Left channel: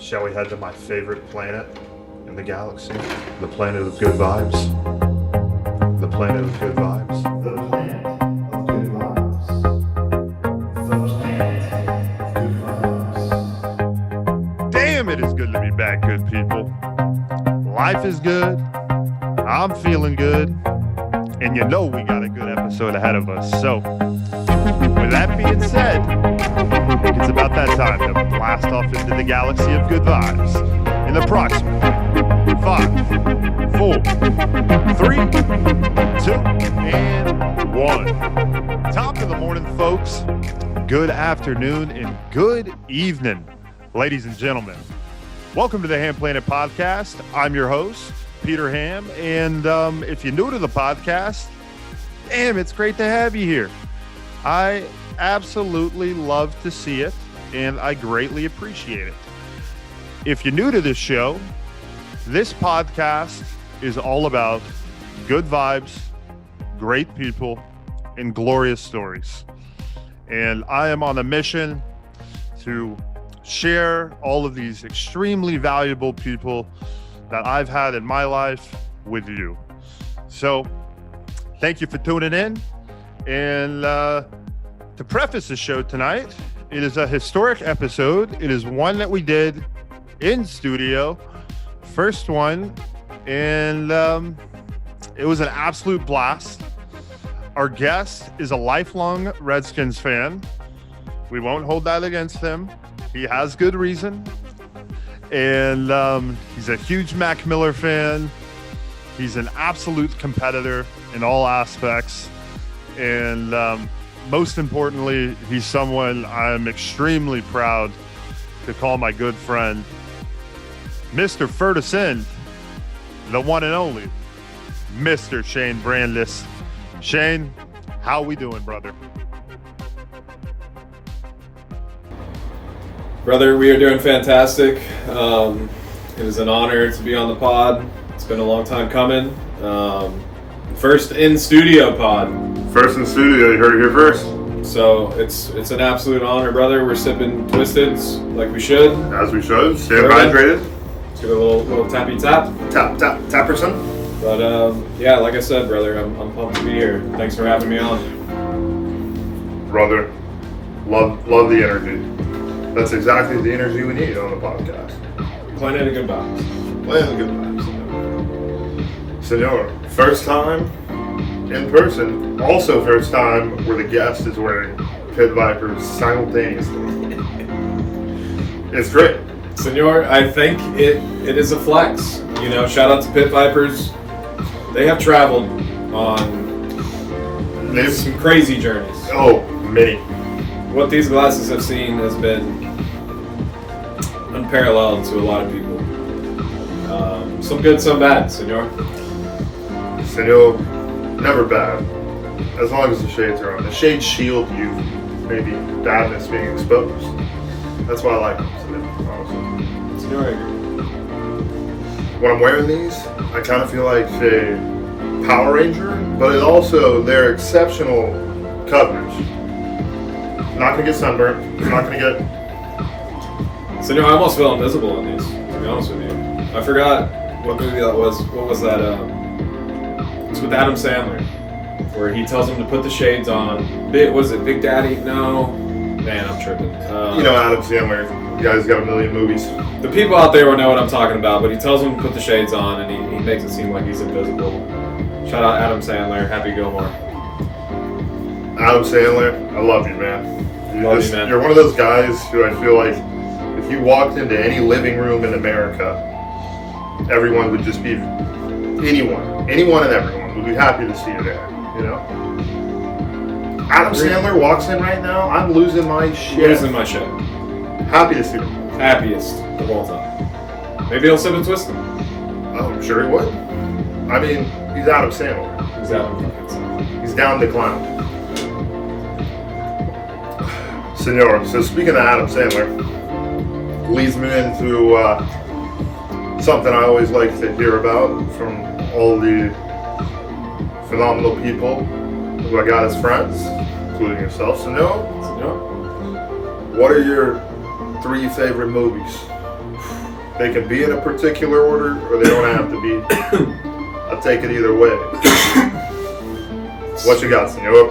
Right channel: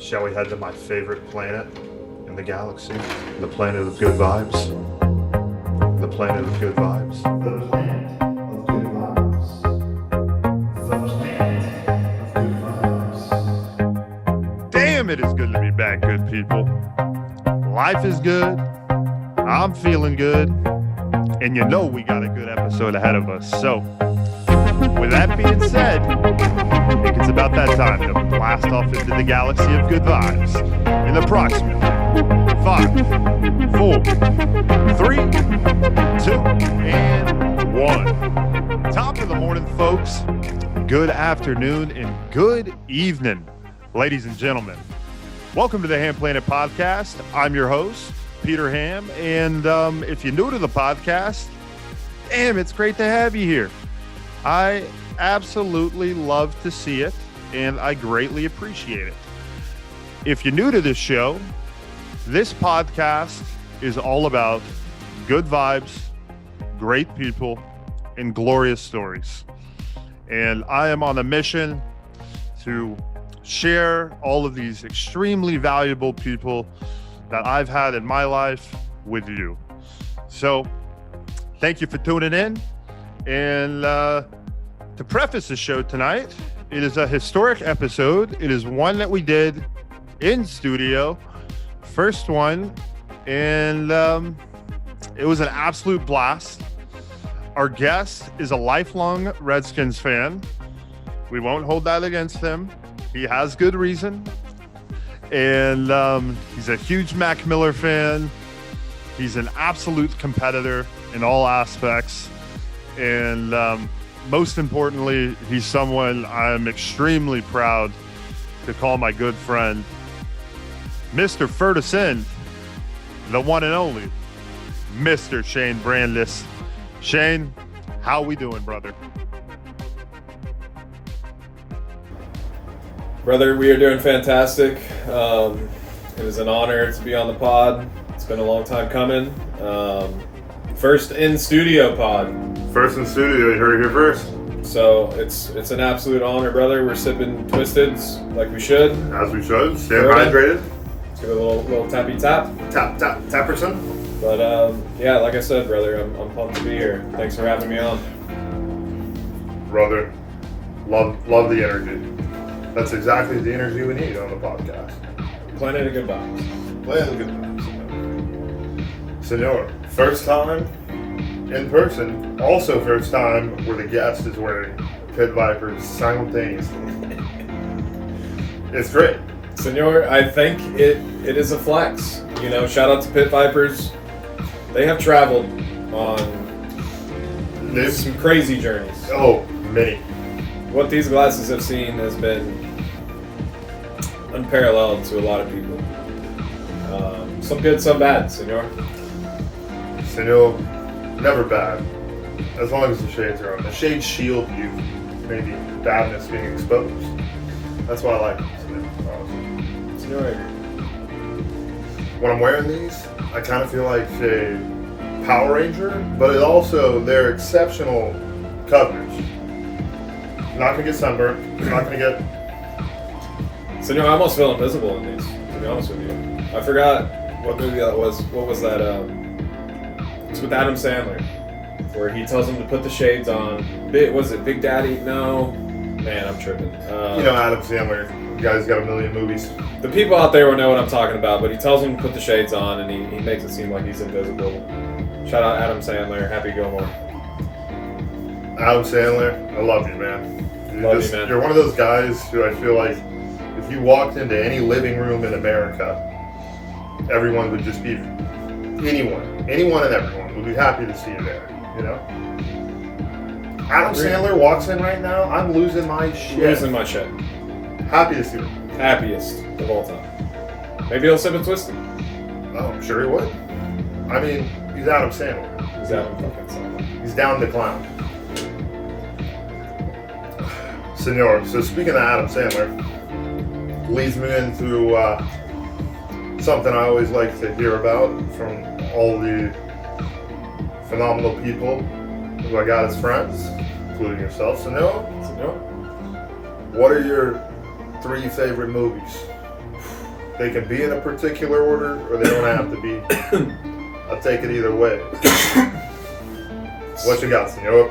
Shall we head to my favorite planet in the galaxy? The planet of good vibes. The planet of good vibes. The planet of good vibes. The planet of good vibes. Damn, it is good to be back, good people. Life is good. I'm feeling good. And you know we got a good episode ahead of us. So, with that being said, I think it's about that time to blast off into the galaxy of good vibes in approximately 5, 4, 3, 2, and 1. Top of the morning, folks. Good afternoon and good evening, ladies and gentlemen. Welcome to the Hamm Planet Podcast. I'm your host, Peter Hamm, and if you're new to the podcast, damn, it's great to have you here. I absolutely love to see it, and I greatly appreciate it. If you're new to this show, this podcast is all about good vibes, great people, and glorious stories. And I am on a mission to share all of these extremely valuable people that I've had in my life with you. So thank you for tuning in. And to preface the show tonight, it is a historic episode. It is one that we did in studio, first one, and it was an absolute blast. Our guest is a lifelong Redskins fan. We won't hold that against him. He has good reason. And he's a huge Mac Miller fan. He's an absolute competitor in all aspects. And most importantly, he's someone I'm extremely proud to call my good friend, Mr. Ferguson, the one and only, Mr. Shane Brandis. Shane, how we doing, brother? Brother, we are doing fantastic. It is an honor to be on the pod. It's been a long time coming. First in studio pod. First in studio, you heard it here first. So it's an absolute honor, brother. We're sipping Twisteds like we should. As we should. Stay hydrated. Let's do a little tappy tap. Tapperson. But yeah, like I said, brother, I'm pumped to be here. Thanks for having me on. Brother, love the energy. That's exactly the energy we need on the podcast. Planet of good vibes. Planet of good vibes. Senor, first time in person, also first time where the guest is wearing Pit Vipers simultaneously. It's great. Senor, I think it is a flex. You know, shout out to Pit Vipers. They have traveled on some crazy journeys. Oh, many. What these glasses have seen has been unparalleled to a lot of people. Some good, some bad, senor. Senor, never bad. As long as the shades are on. The shades shield you, maybe badness being exposed. That's why I like them, honestly. Senor, I agree. When I'm wearing these, I kind of feel like a Power Ranger, but it also, they're exceptional coverage. Not gonna get sunburned, not gonna get... Senor, I almost feel invisible in these, to be honest with you. I forgot what movie that was. What was that? It's with Adam Sandler, where he tells him to put the shades on. Was it Big Daddy? No. Man, I'm tripping. You know Adam Sandler, the guy's got a million movies. The people out there will know what I'm talking about, but he tells him to put the shades on, and he makes it seem like he's invisible. Shout out Adam Sandler, Happy Gilmore. Adam Sandler, I love you, man. Love you, man. You're one of those guys who I feel like if you walked into any living room in America, everyone would just be, anyone and everyone would be happy to see you there, you know? Adam Sandler walks in right now, I'm losing my shit. Losing my shit. Happy to see him. Happiest of all time. Maybe he'll sip and twist it. Oh, I'm sure he would. I mean, he's Adam Sandler. He's Adam fucking Sandler. He's down to clown. Senor, so speaking of Adam Sandler, leads me into something I always like to hear about from all the phenomenal people who I got as friends, including yourself. Senor, what are your 3 favorite movies? They can be in a particular order, or they don't have to be. I'll take it either way. What you got, senor?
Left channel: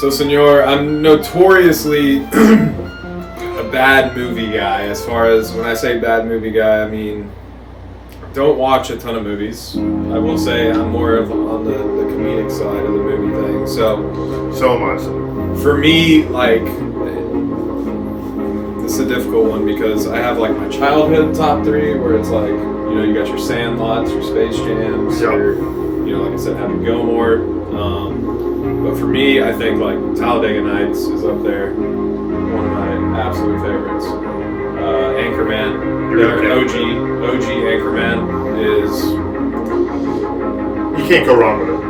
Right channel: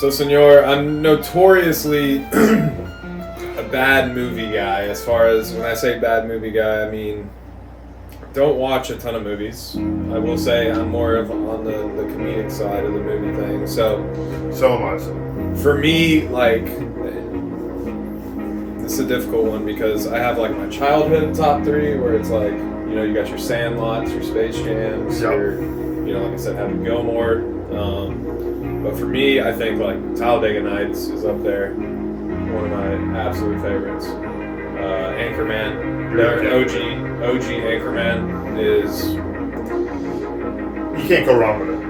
So, senor, I'm notoriously a bad movie guy. As far as when I say bad movie guy, I mean don't watch a ton of movies. I will say I'm more of on the comedic side of the movie thing. So am I. For me, like, it's a difficult one because I have like my childhood top 3 where it's like, you know, you got your Sandlots, your Space Jams, your, you know, like I said, Happy Gilmore. But for me, I think like Talladega Nights is up there, one of my absolute favorites. Anchorman, OG Anchorman is. You can't go wrong with it.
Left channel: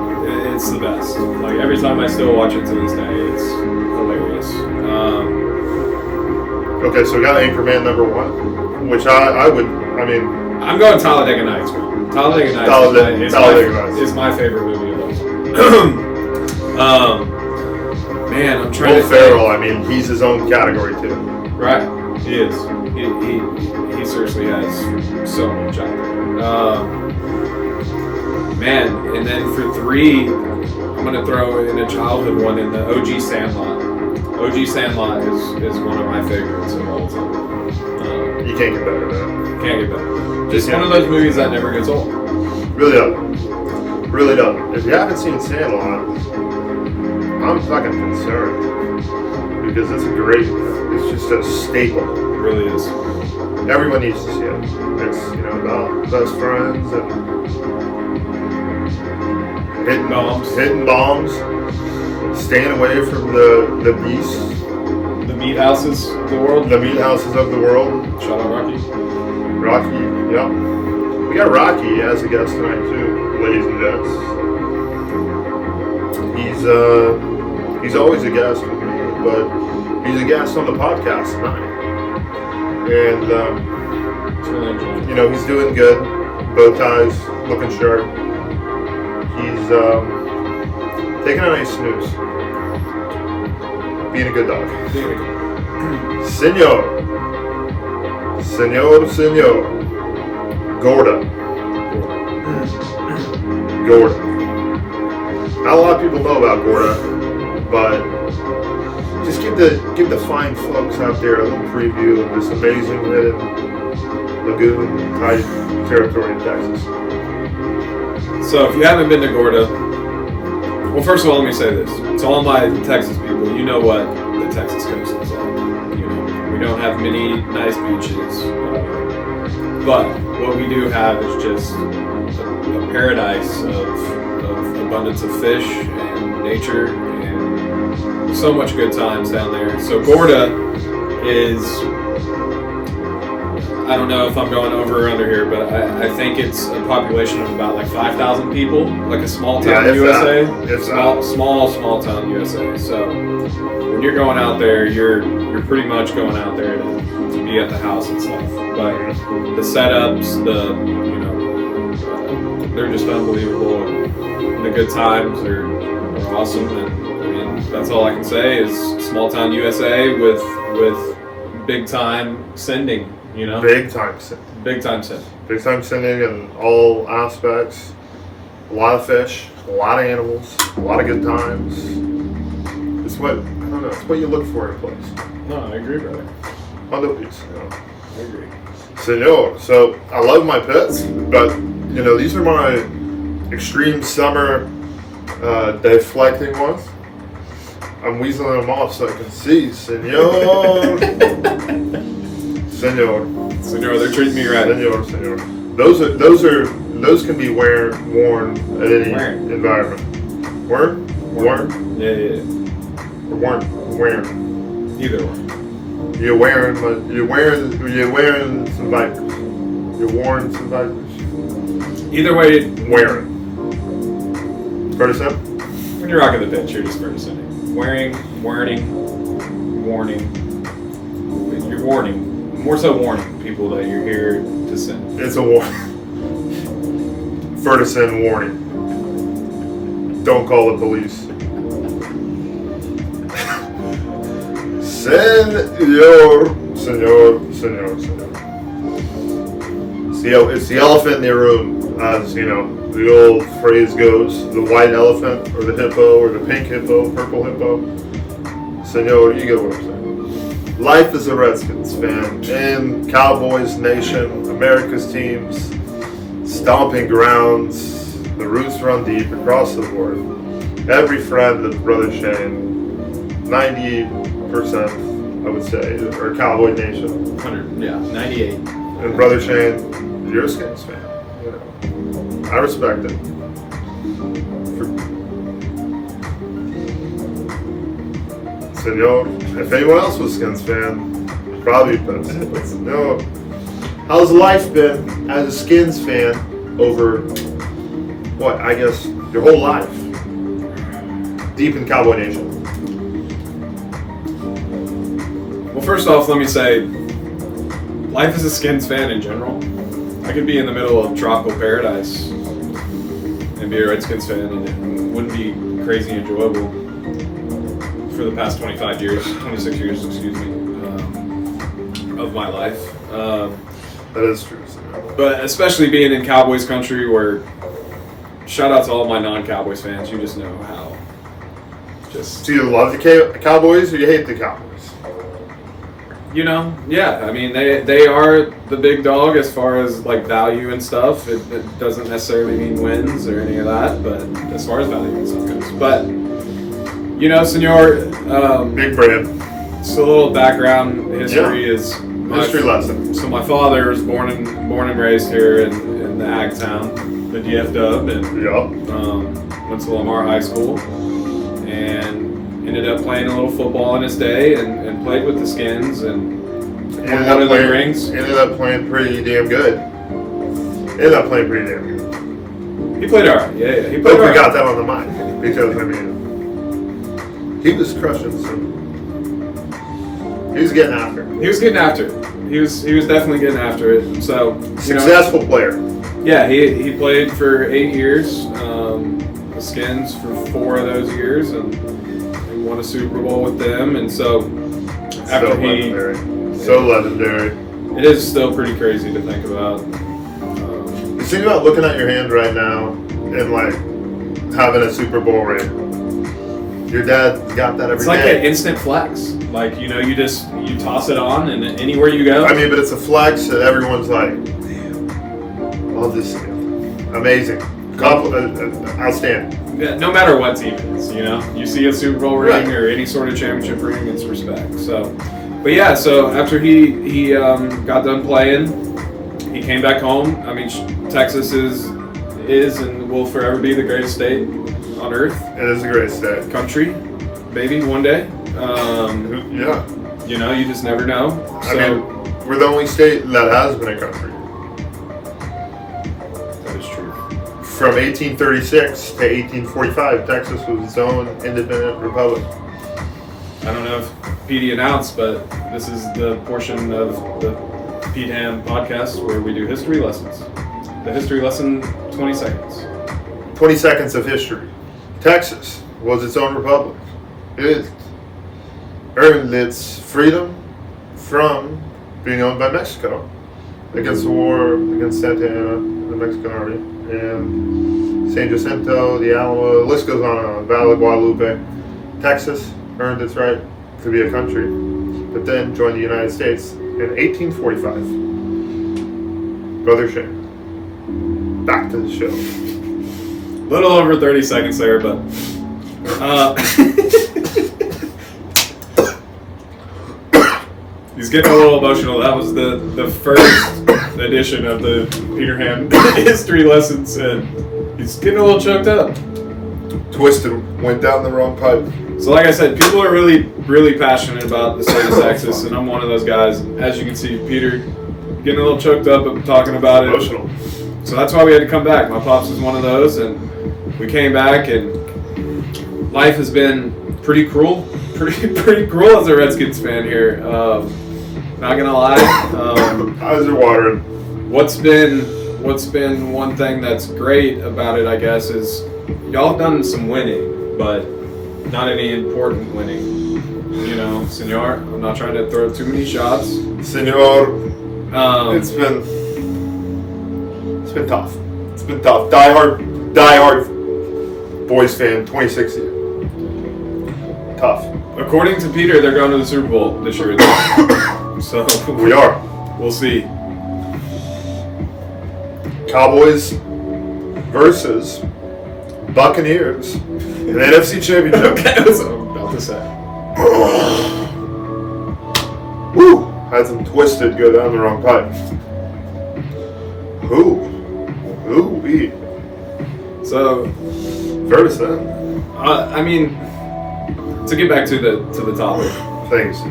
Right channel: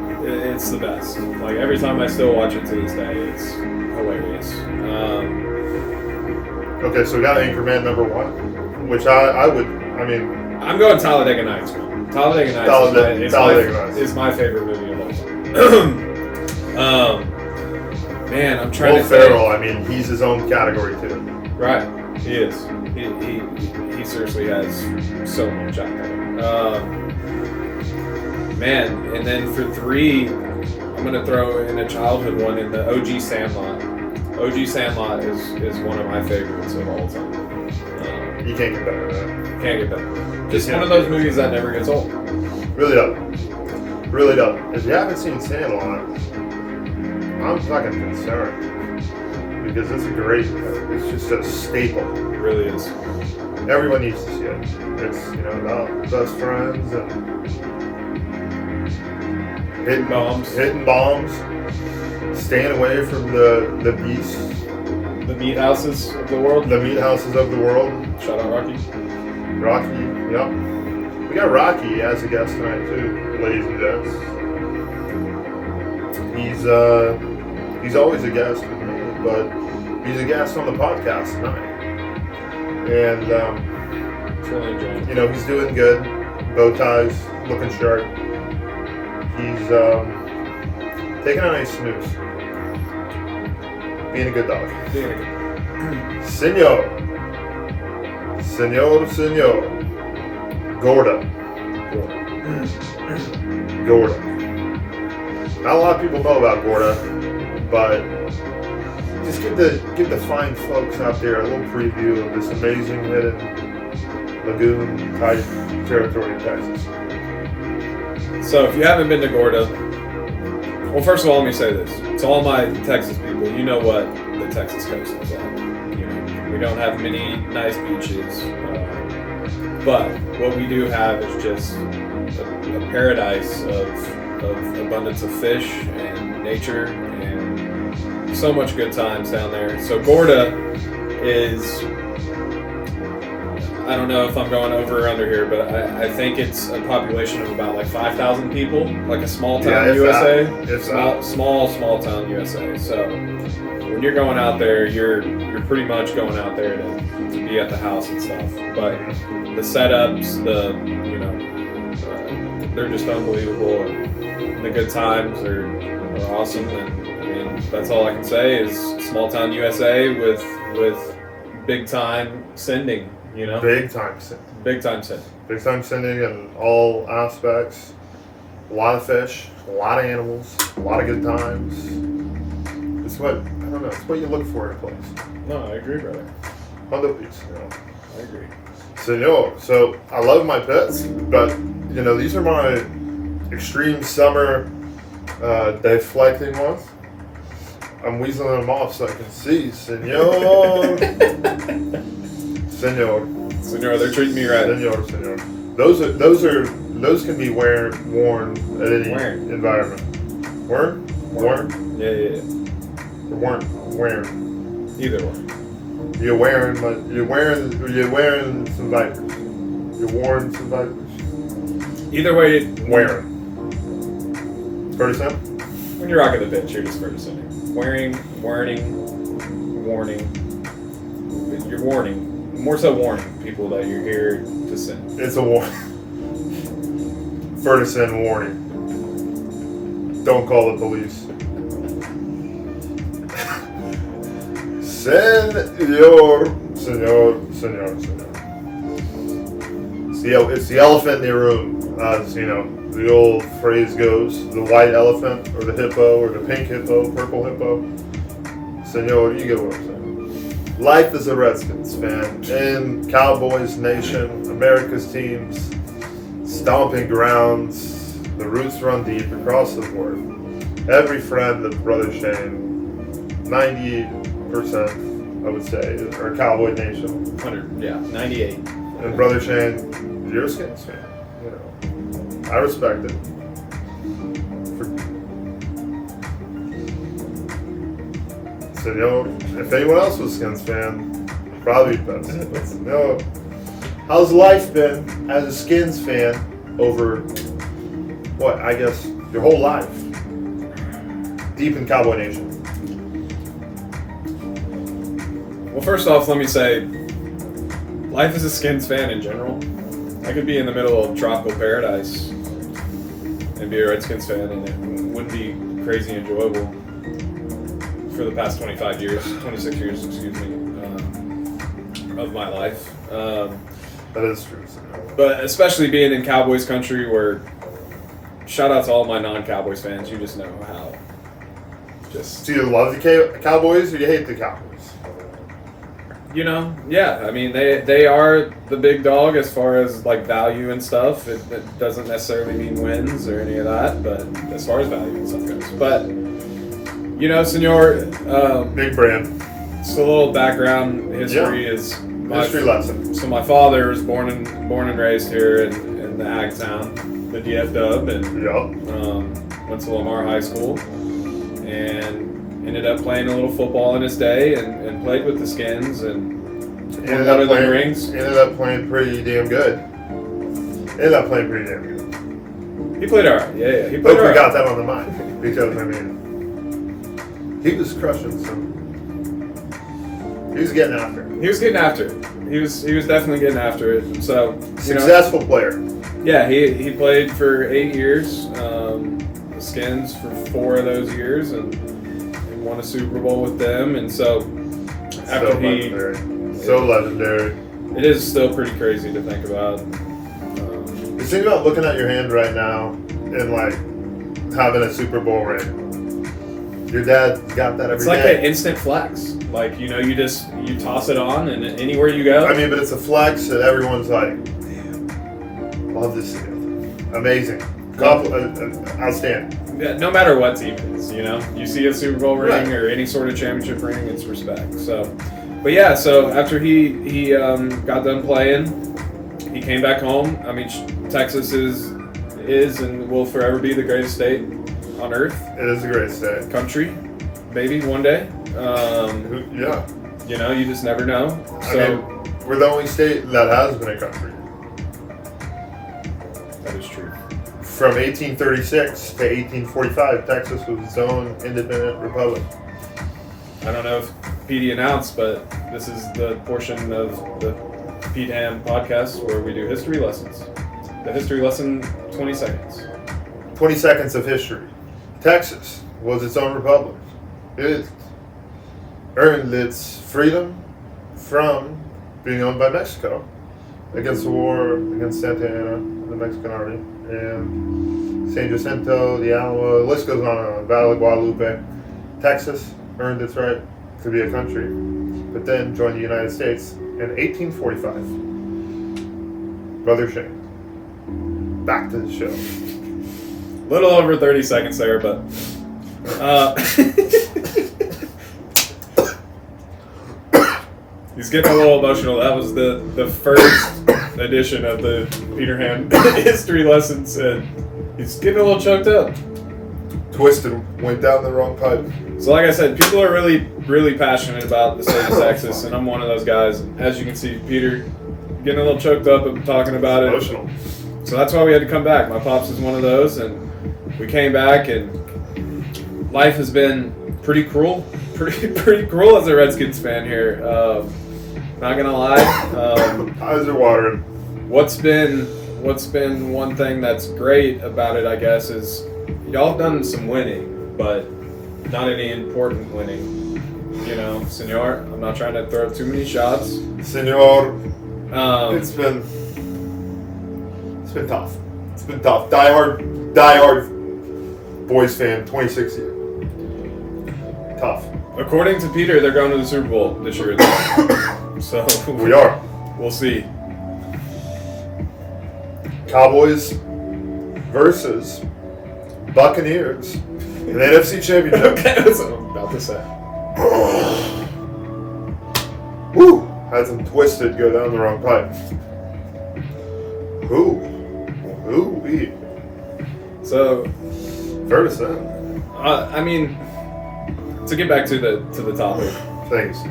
It's the best. Like every time I still watch it to this day, it's hilarious. Okay, so we got Anchorman number 1, which I mean. I'm going Talladega Nights, man. Talladega Nights is my favorite movie of all time. Man, I'm trying to think. Will Ferrell, I mean, he's his own category too. Right, he is. He seriously has so much out there. Man, and then for 3, I'm gonna throw in a childhood one in the OG Sandlot. OG Sandlot is one of my favorites of all time. You can't get better than that. Can't get better. Just one of those movies that never gets old. Really doesn't. Really doesn't. If you haven't seen Sandlot, I'm fucking concerned because it's it's just a staple. It really is. Everyone needs to see it. It's, you know, about best friends and hitting bombs, staying away from the beasts, the meat houses of the world. The meat houses of the world. Shout out Rocky. Rocky, yeah. We got Rocky as a guest tonight too, ladies and gents. He's always a guest with me, but he's a guest on the podcast tonight. And it's really enjoyable. you know, he's doing good. Bow ties, looking sharp. He's taking a nice snooze. Being a good dog. Senor. Gorda. Not a lot of people know about Gorda, but just give the fine folks out there a little preview of this amazing hidden lagoon type territory in Texas. So if you haven't been to Gorda, well, first of all, let me say this. To all my Texas people, you know what the Texas coast is like. You know, we don't have many nice beaches, but what we do have is just a paradise of abundance of fish and nature and so much good times down there. So Gorda is, I don't know if I'm going over or under here, but I think it's a population of about like 5,000 people, like a small town USA. Small town USA. So when you're going out there, you're pretty much going out there to be at the house and stuff. But the setups, they're just unbelievable. And the good times are awesome. And I mean, that's all I can say is small town USA with big time sending. You know, big time sending. Big time sending in all aspects. A lot of fish, a lot of animals, a lot of good times. It's what you look for in a place. No, I agree, brother. On the beach, you know. I agree. Senor, so I love my pets, but you know, these are my extreme summer deflecting ones. I'm weaseling them off so I can see, senor. Senor, they're treating me right. Senor. Those can be worn at any environment. Worn? Yeah. Or weren't. Either one. You're wearing some Vipers. You're wearing some Vipers. Either way, wearing. Fair to say? When you're rocking the pitch, you're just fair to say. Warning. You're warning. More so warning people that you're here to send. It's a warning. Fair to send warning. Don't call the police. Senor. it's the elephant in the room, as you know, the old phrase goes: the white elephant, or the hippo, or the pink hippo, purple hippo. Senor, you get what I'm saying. Life as a Redskins fan in Cowboys Nation, America's teams, stomping grounds, the roots run deep across the board. Every friend of Brother Shane, 90%, I would say, are Cowboy Nation. 100, yeah, 98. And Brother Shane, you're a Skins fan. You know, I respect it. Senor, if anyone else was a Skins fan, probably best. But no, how's life been as a Skins fan over what I guess your whole life, deep in Cowboy Nation? Well, first off, let me say, life as a Skins fan in general, I could be in the middle of tropical paradise and be a Redskins fan, and it wouldn't be crazy enjoyable for the past 26 years, of my life. That is true. But especially being in Cowboys country, where shout out to all my non-Cowboys fans, you just know how. So you love the Cowboys or you hate the Cowboys? You know, yeah. I mean, they are the big dog as far as like value and stuff. It doesn't necessarily mean wins or any of that, but as far as value and stuff goes. But you know, Senor, big brand. Just a little background history is history lesson. So my father was born and raised here in the Ag Town, the DF Dub, and went to Lamar High School, and ended up playing a little football in his day, and played with the Skins, and won one of the rings. Ended up playing pretty damn good. He played alright, yeah. He Hope played alright. we got that on the mic, because I mean, he was crushing some. He was getting after it. He was getting after it. He was definitely getting after it. So successful player. Yeah, he played for 8 years. The Skins for 4 of those years, and won a Super Bowl with them. And so after so legendary. It is still pretty crazy to think about. You think about looking at your hand right now and like having a Super Bowl ring. Your dad got that every day. It's like an instant flex. Like, you know, you toss it on, and anywhere you go. I mean, but it's a flex that everyone's like, love this. Amazing. Outstanding. Yeah, no matter what team it is, you know. You see a Super Bowl ring or any sort of championship ring, it's respect. So, but yeah, so after he got done playing, he came back home. I mean, Texas is and will forever be the greatest state on earth. It is a great state. Country, maybe one day. Yeah. You know, you just never know. So, I mean, we're the only state that has been a country. That is true. From 1836 to 1845, Texas was its own independent republic. I don't know if PD announced, but this is the portion of the Peter Hamm podcast where we do history lessons. The history lesson, 20 seconds. 20 seconds of history. Texas was its own republic. It earned its freedom from being owned by Mexico against the war against Santa Anna, the Mexican army, and San Jacinto, the Alamo, the list goes on, Valley of Guadalupe. Texas earned its right to be a country, but then joined the United States in 1845. Brother Shane, back to the show. Little over 30 seconds there, but he's getting a little emotional. That was the first edition of the Peter Hamm history lessons, and he's getting a little choked up. Twisted, went down the wrong pipe. So like I said, people are really, really passionate about the state of Texas, and I'm one of those guys. As you can see, Peter getting a little choked up talking about it. Emotional. So that's why we had to come back. My pops was one of those, and we came back, and life has been pretty cruel. Pretty cruel as a Redskins fan here. Not gonna lie. Eyes are watering. What's been one thing that's great about it, I guess, is y'all have done some winning, but not any important winning. You know, Senor, I'm not trying to throw too many shots. Senor, it's been been tough. It's been tough. Die-hard Boys fan, 26 years. Tough. According to Peter, they're going to the Super Bowl this year. So We are. We'll see. Cowboys versus Buccaneers in the NFC Championship. Okay, that's what I'm about to say. Woo! Had some twisted go down the wrong pipe. Ooh-wee. So, Fair to say. I mean, to get back to the topic, Thanks.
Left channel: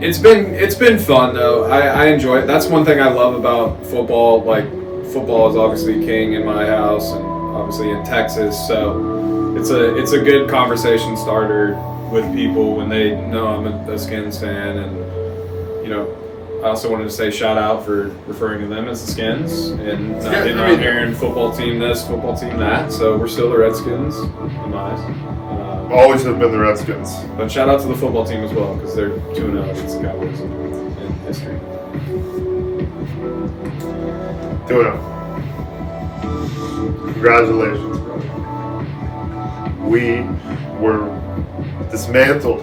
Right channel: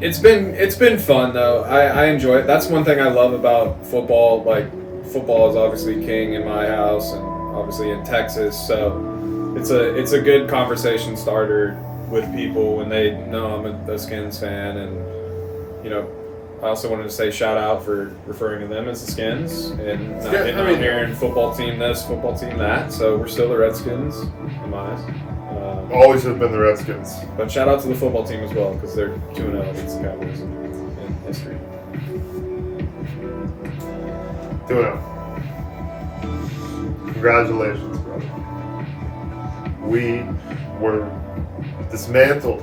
it's been fun though. I enjoy it. That's one thing I love about football. Like, football is obviously king in my house and obviously in Texas. So it's a good conversation starter with people when they know I'm a Skins fan. And I also wanted to say shout out for referring to them as the Skins and not hearing football team this, football team that. So we're still the Redskins in my eyes. Always have been the Redskins. But shout out to the football team as well because they're 2-0 against the Cowboys in history. 2-0. Congratulations, brother. We were dismantled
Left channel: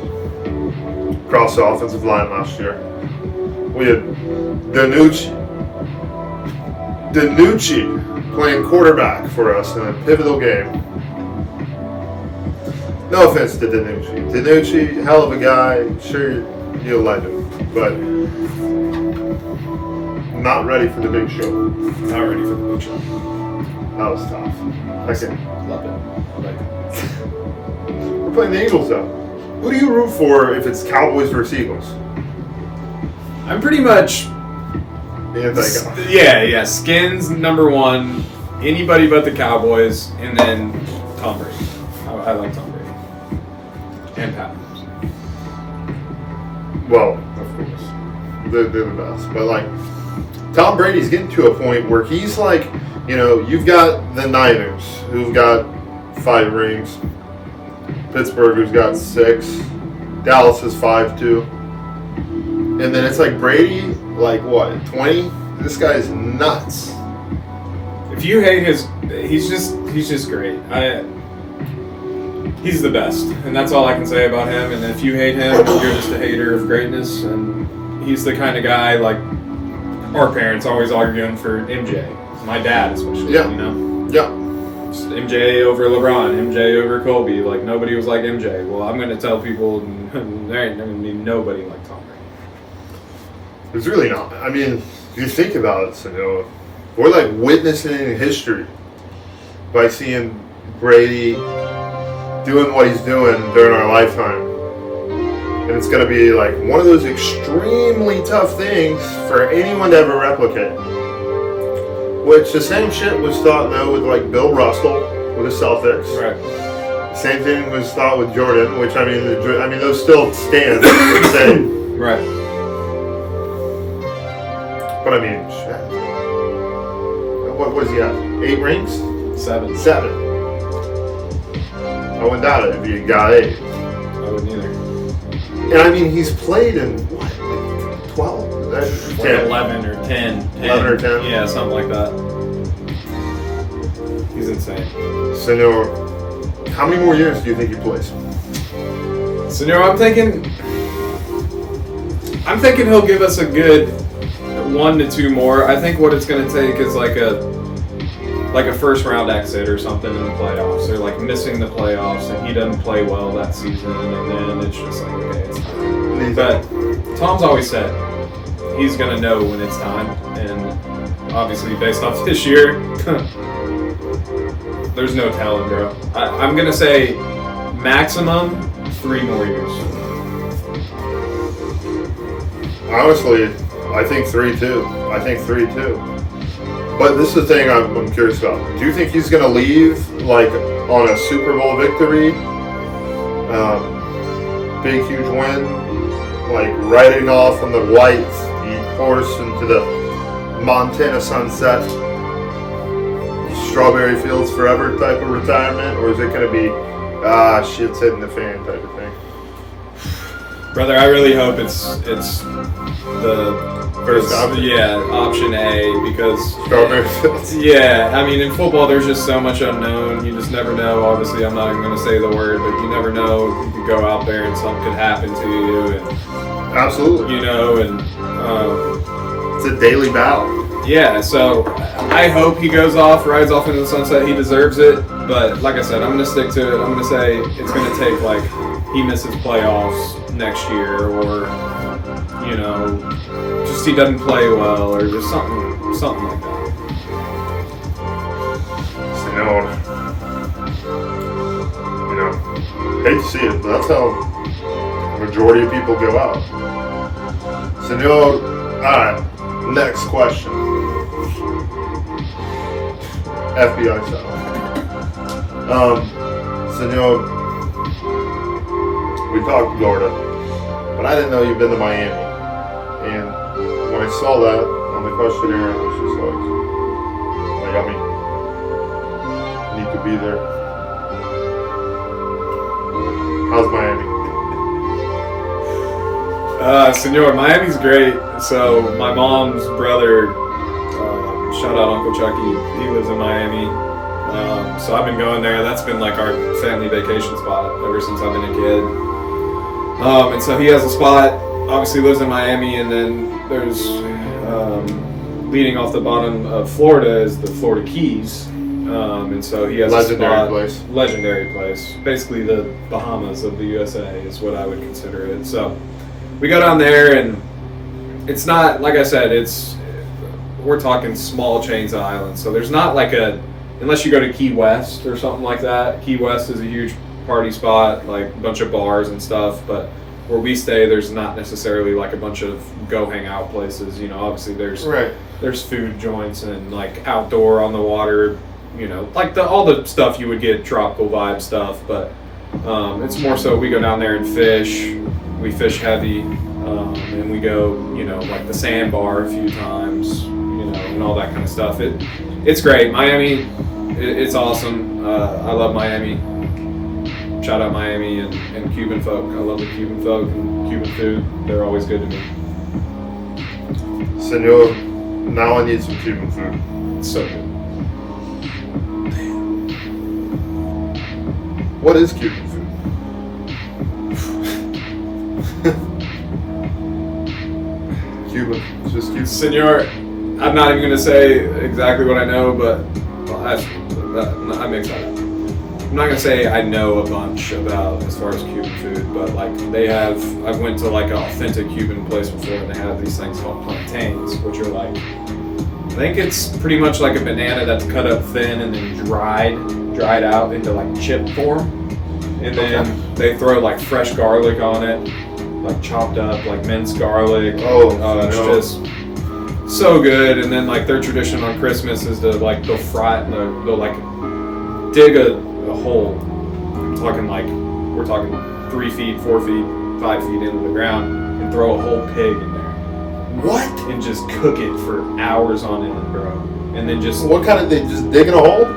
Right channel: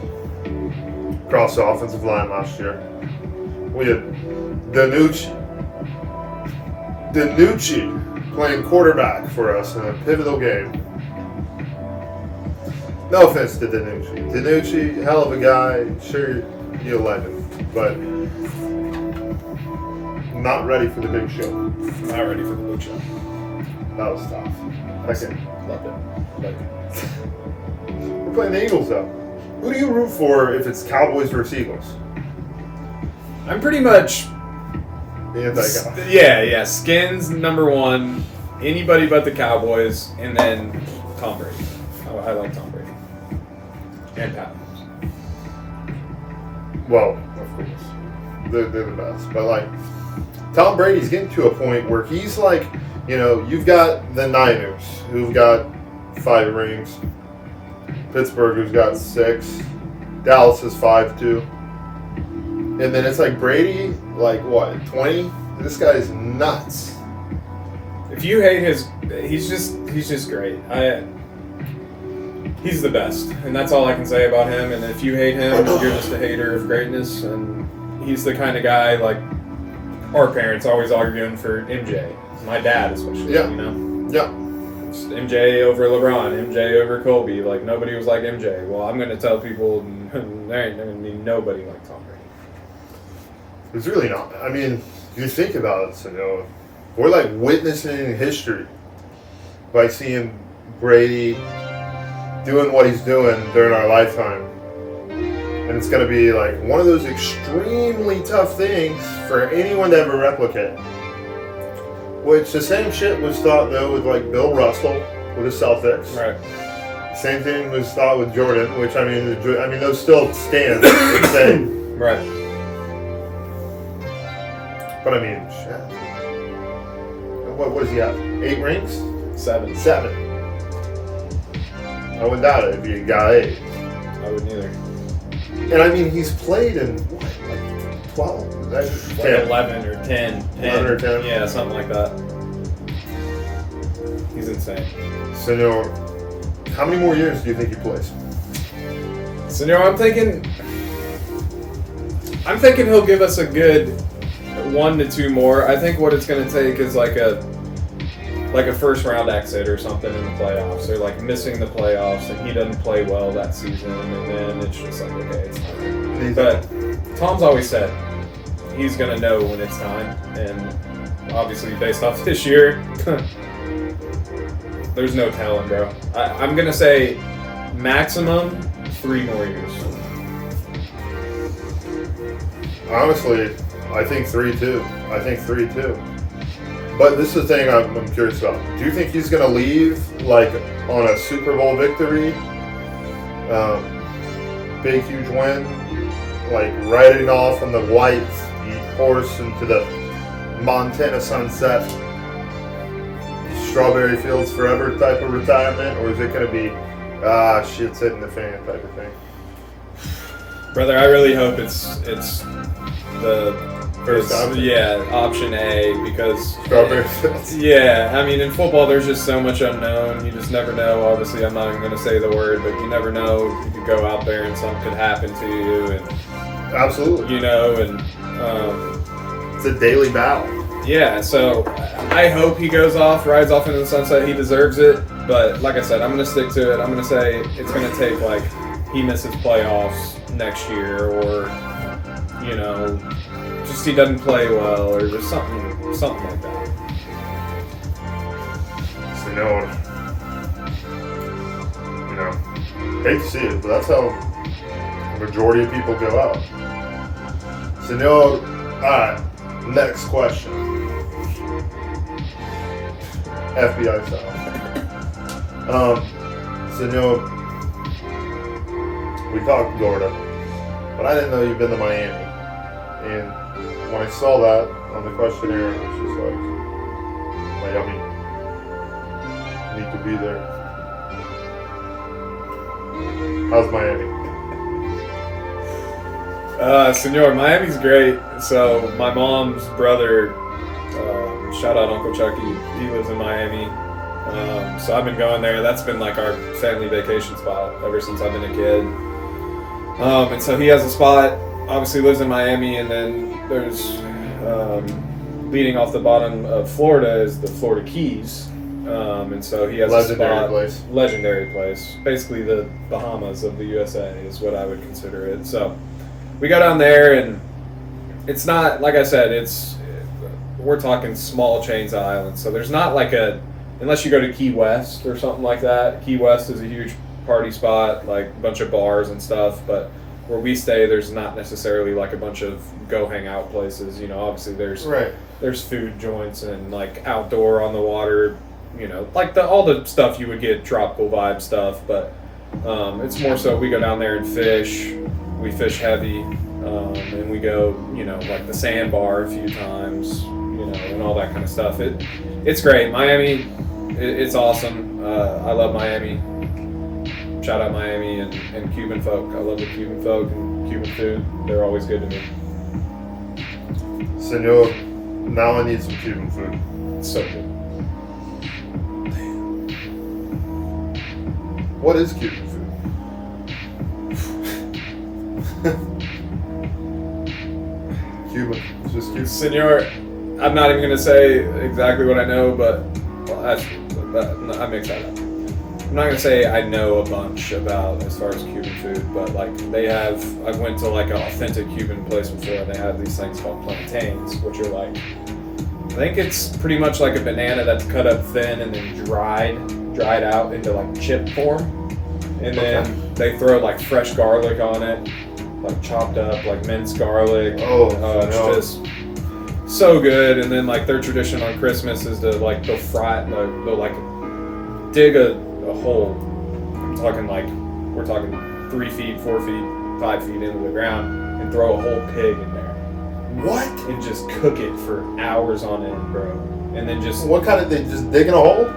across the offensive line last year. We had Danucci playing quarterback for us in a pivotal game. No offense to Danucci. Danucci, hell of a guy. Sure, you'll like him, but not ready for the big show. Not ready for the big show. That was tough. Okay. Love it. I like it. We're playing the Eagles, though. Who do you root for if it's Cowboys versus Eagles? I'm pretty much Yeah. Skins number one, anybody but the Cowboys, and then Tom Brady. I like Tom Brady. And Pat Mahomes. Well, of course. They're the best. But, like, Tom Brady's getting to a point where he's like, you've got the Niners, who've got 5 rings. Pittsburgh, who's got 6. Dallas is 5, too. And then it's like Brady, like, what, 20? This guy's nuts. If you hate he's just great. He's the best, and that's all I can say about him. And if you hate him, you're just a hater of greatness. And he's the kind of guy, like, our parents always arguing for MJ. My dad, especially, Yeah. Yeah. Just MJ over LeBron, MJ over Kobe. Like, nobody was like MJ. Well, I'm going to tell people there ain't going to be nobody like Tom Brady. It's really not. I mean, if you think about it, we're like witnessing history by seeing Brady doing what he's doing during our lifetime. And it's going to be like one of those extremely tough things for anyone to ever replicate. Which the same shit was thought, though, with like Bill Russell with the Celtics. Right. Same thing was thought with Jordan, which I mean those still stand the same. Right. But I mean, shit. What was he at? 8 rings? 7. 7. I wouldn't doubt it if you got 8. I wouldn't either. And I mean, he's played in what, like 12? 10. 11 or 10. 11 or 10? Yeah, something like that. He's insane. So, how many more years do you think he plays? So, I'm thinking he'll give us a good 1 to 2 more. I think what it's going to take is like a first round exit or something in the playoffs, or like missing the playoffs and he doesn't play well that season, and then it's just like, okay, it's time. But Tom's always said he's going to know when it's time, and obviously based off this year, there's no telling, bro. I'm going to say maximum 3 more years. Honestly, I think 3 too. But this is the thing I'm curious about. Do you think he's going to leave like on a Super Bowl victory? Big, huge win? Like riding off on the white horse into the Montana sunset, strawberry fields forever type of retirement? Or is it going to be, shit's hitting the fan type of thing? Brother, I really hope it's the First option. Yeah, option A, because Strawberry fields. yeah, I mean, in football there's just so much unknown. You just never know. Obviously, I'm not even going to say the word, but you never know. You could go out there and something could happen to you, and Absolutely. you know, and It's a daily battle. yeah. So I hope he goes off, rides off into the sunset. He deserves it. But like I said, I'm going to stick to it. I'm going to say it's going to take like he misses playoffs next year, or you know, just he doesn't play well, or just something like that. Senor. You know, hate to see it, but that's how the majority of people go out. Senor, alright, next question. FBI style. Senor, we talked Florida, but I didn't know you've been to Miami. And when I saw that on the questionnaire, I was just like, I mean, need to be there. How's Miami? Senor, Miami's great. So my mom's brother, shout out Uncle Chucky, he lives in Miami. So I've been going there. That's been like our family vacation spot ever since I've been a kid. And so he has a spot, obviously lives in Miami, and then there's, leading off the bottom of Florida is the Florida Keys. And so he has Legendary a spot, place. legendary place. Basically the Bahamas of the USA is what I would consider it. So we go down there, and it's not, like I said, we're talking small chains of islands. So there's not like unless you go to Key West or something like that. Key West is a huge party spot, like a bunch of bars and stuff, but where we stay, there's not necessarily like a bunch of go hang out places. You know, obviously there's food joints and like outdoor on the water, you know, like all the stuff you would get, tropical vibe stuff, but it's more so we go down there and fish. We fish heavy, and we go, you know, like the sandbar a few times, you know, and all that kind of stuff. It's great. Miami, it's awesome. I love Miami. Shout out Miami and Cuban folk. I love the Cuban folk and Cuban food. They're always good to me. Senor, now I need some Cuban food. It's so good. What is Cuban food? Cuban. It's just Cuban. Senor, I'm not even going to say exactly what I know, but I mix that up. I'm not going to say I know a bunch about as far as Cuban food, but like I went to like an authentic Cuban place before, and they have these things called plantains, which are like, I think it's pretty much like a banana that's cut up thin and then dried out into like chip form. And then they throw like fresh garlic on it, like chopped up, like minced garlic. It's just so good. And then like their tradition on Christmas is to like they'll fry it and they'll like dig a hole. We're talking 3 feet, 4 feet, 5 feet into the ground, and throw a whole pig in there. What? And just cook it for hours on end, bro. And then just What kind of, they just dig in a hole?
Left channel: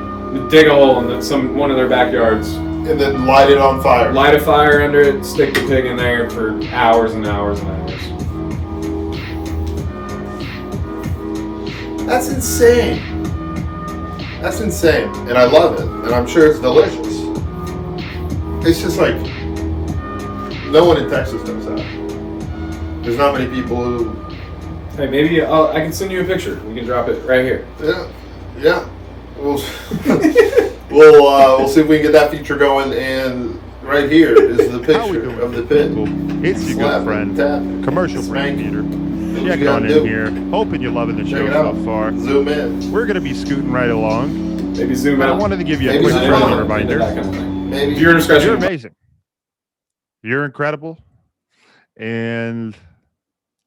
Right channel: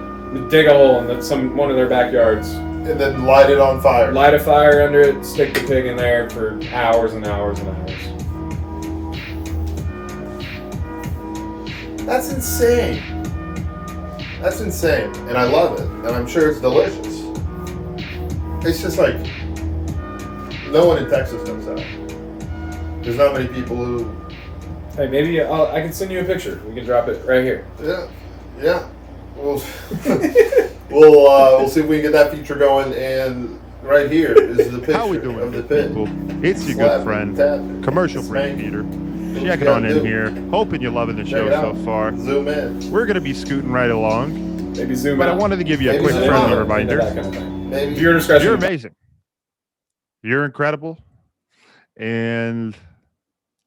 dig a hole in one of their backyards. And then light it on fire. Light a fire under it, stick the pig in there for hours and hours and hours. That's insane. That's insane. And I love it. And I'm sure it's delicious. It's just like, no one in Texas does that. There's not many people who... Hey, maybe I can send you a picture. We can drop it right here. Yeah. We'll see if we can get that feature going. And right here is the picture How we doing, of the good pit. people? It's your good friend, commercial break Peter. Checking on in here. Hoping you're loving the show so far. Zoom in. We're going to be scooting right along. Maybe zoom But out. I wanted to give you a Maybe quick zoom friendly out. reminder. That kind of thing. Maybe. Viewer discretion. You're amazing. You're incredible. And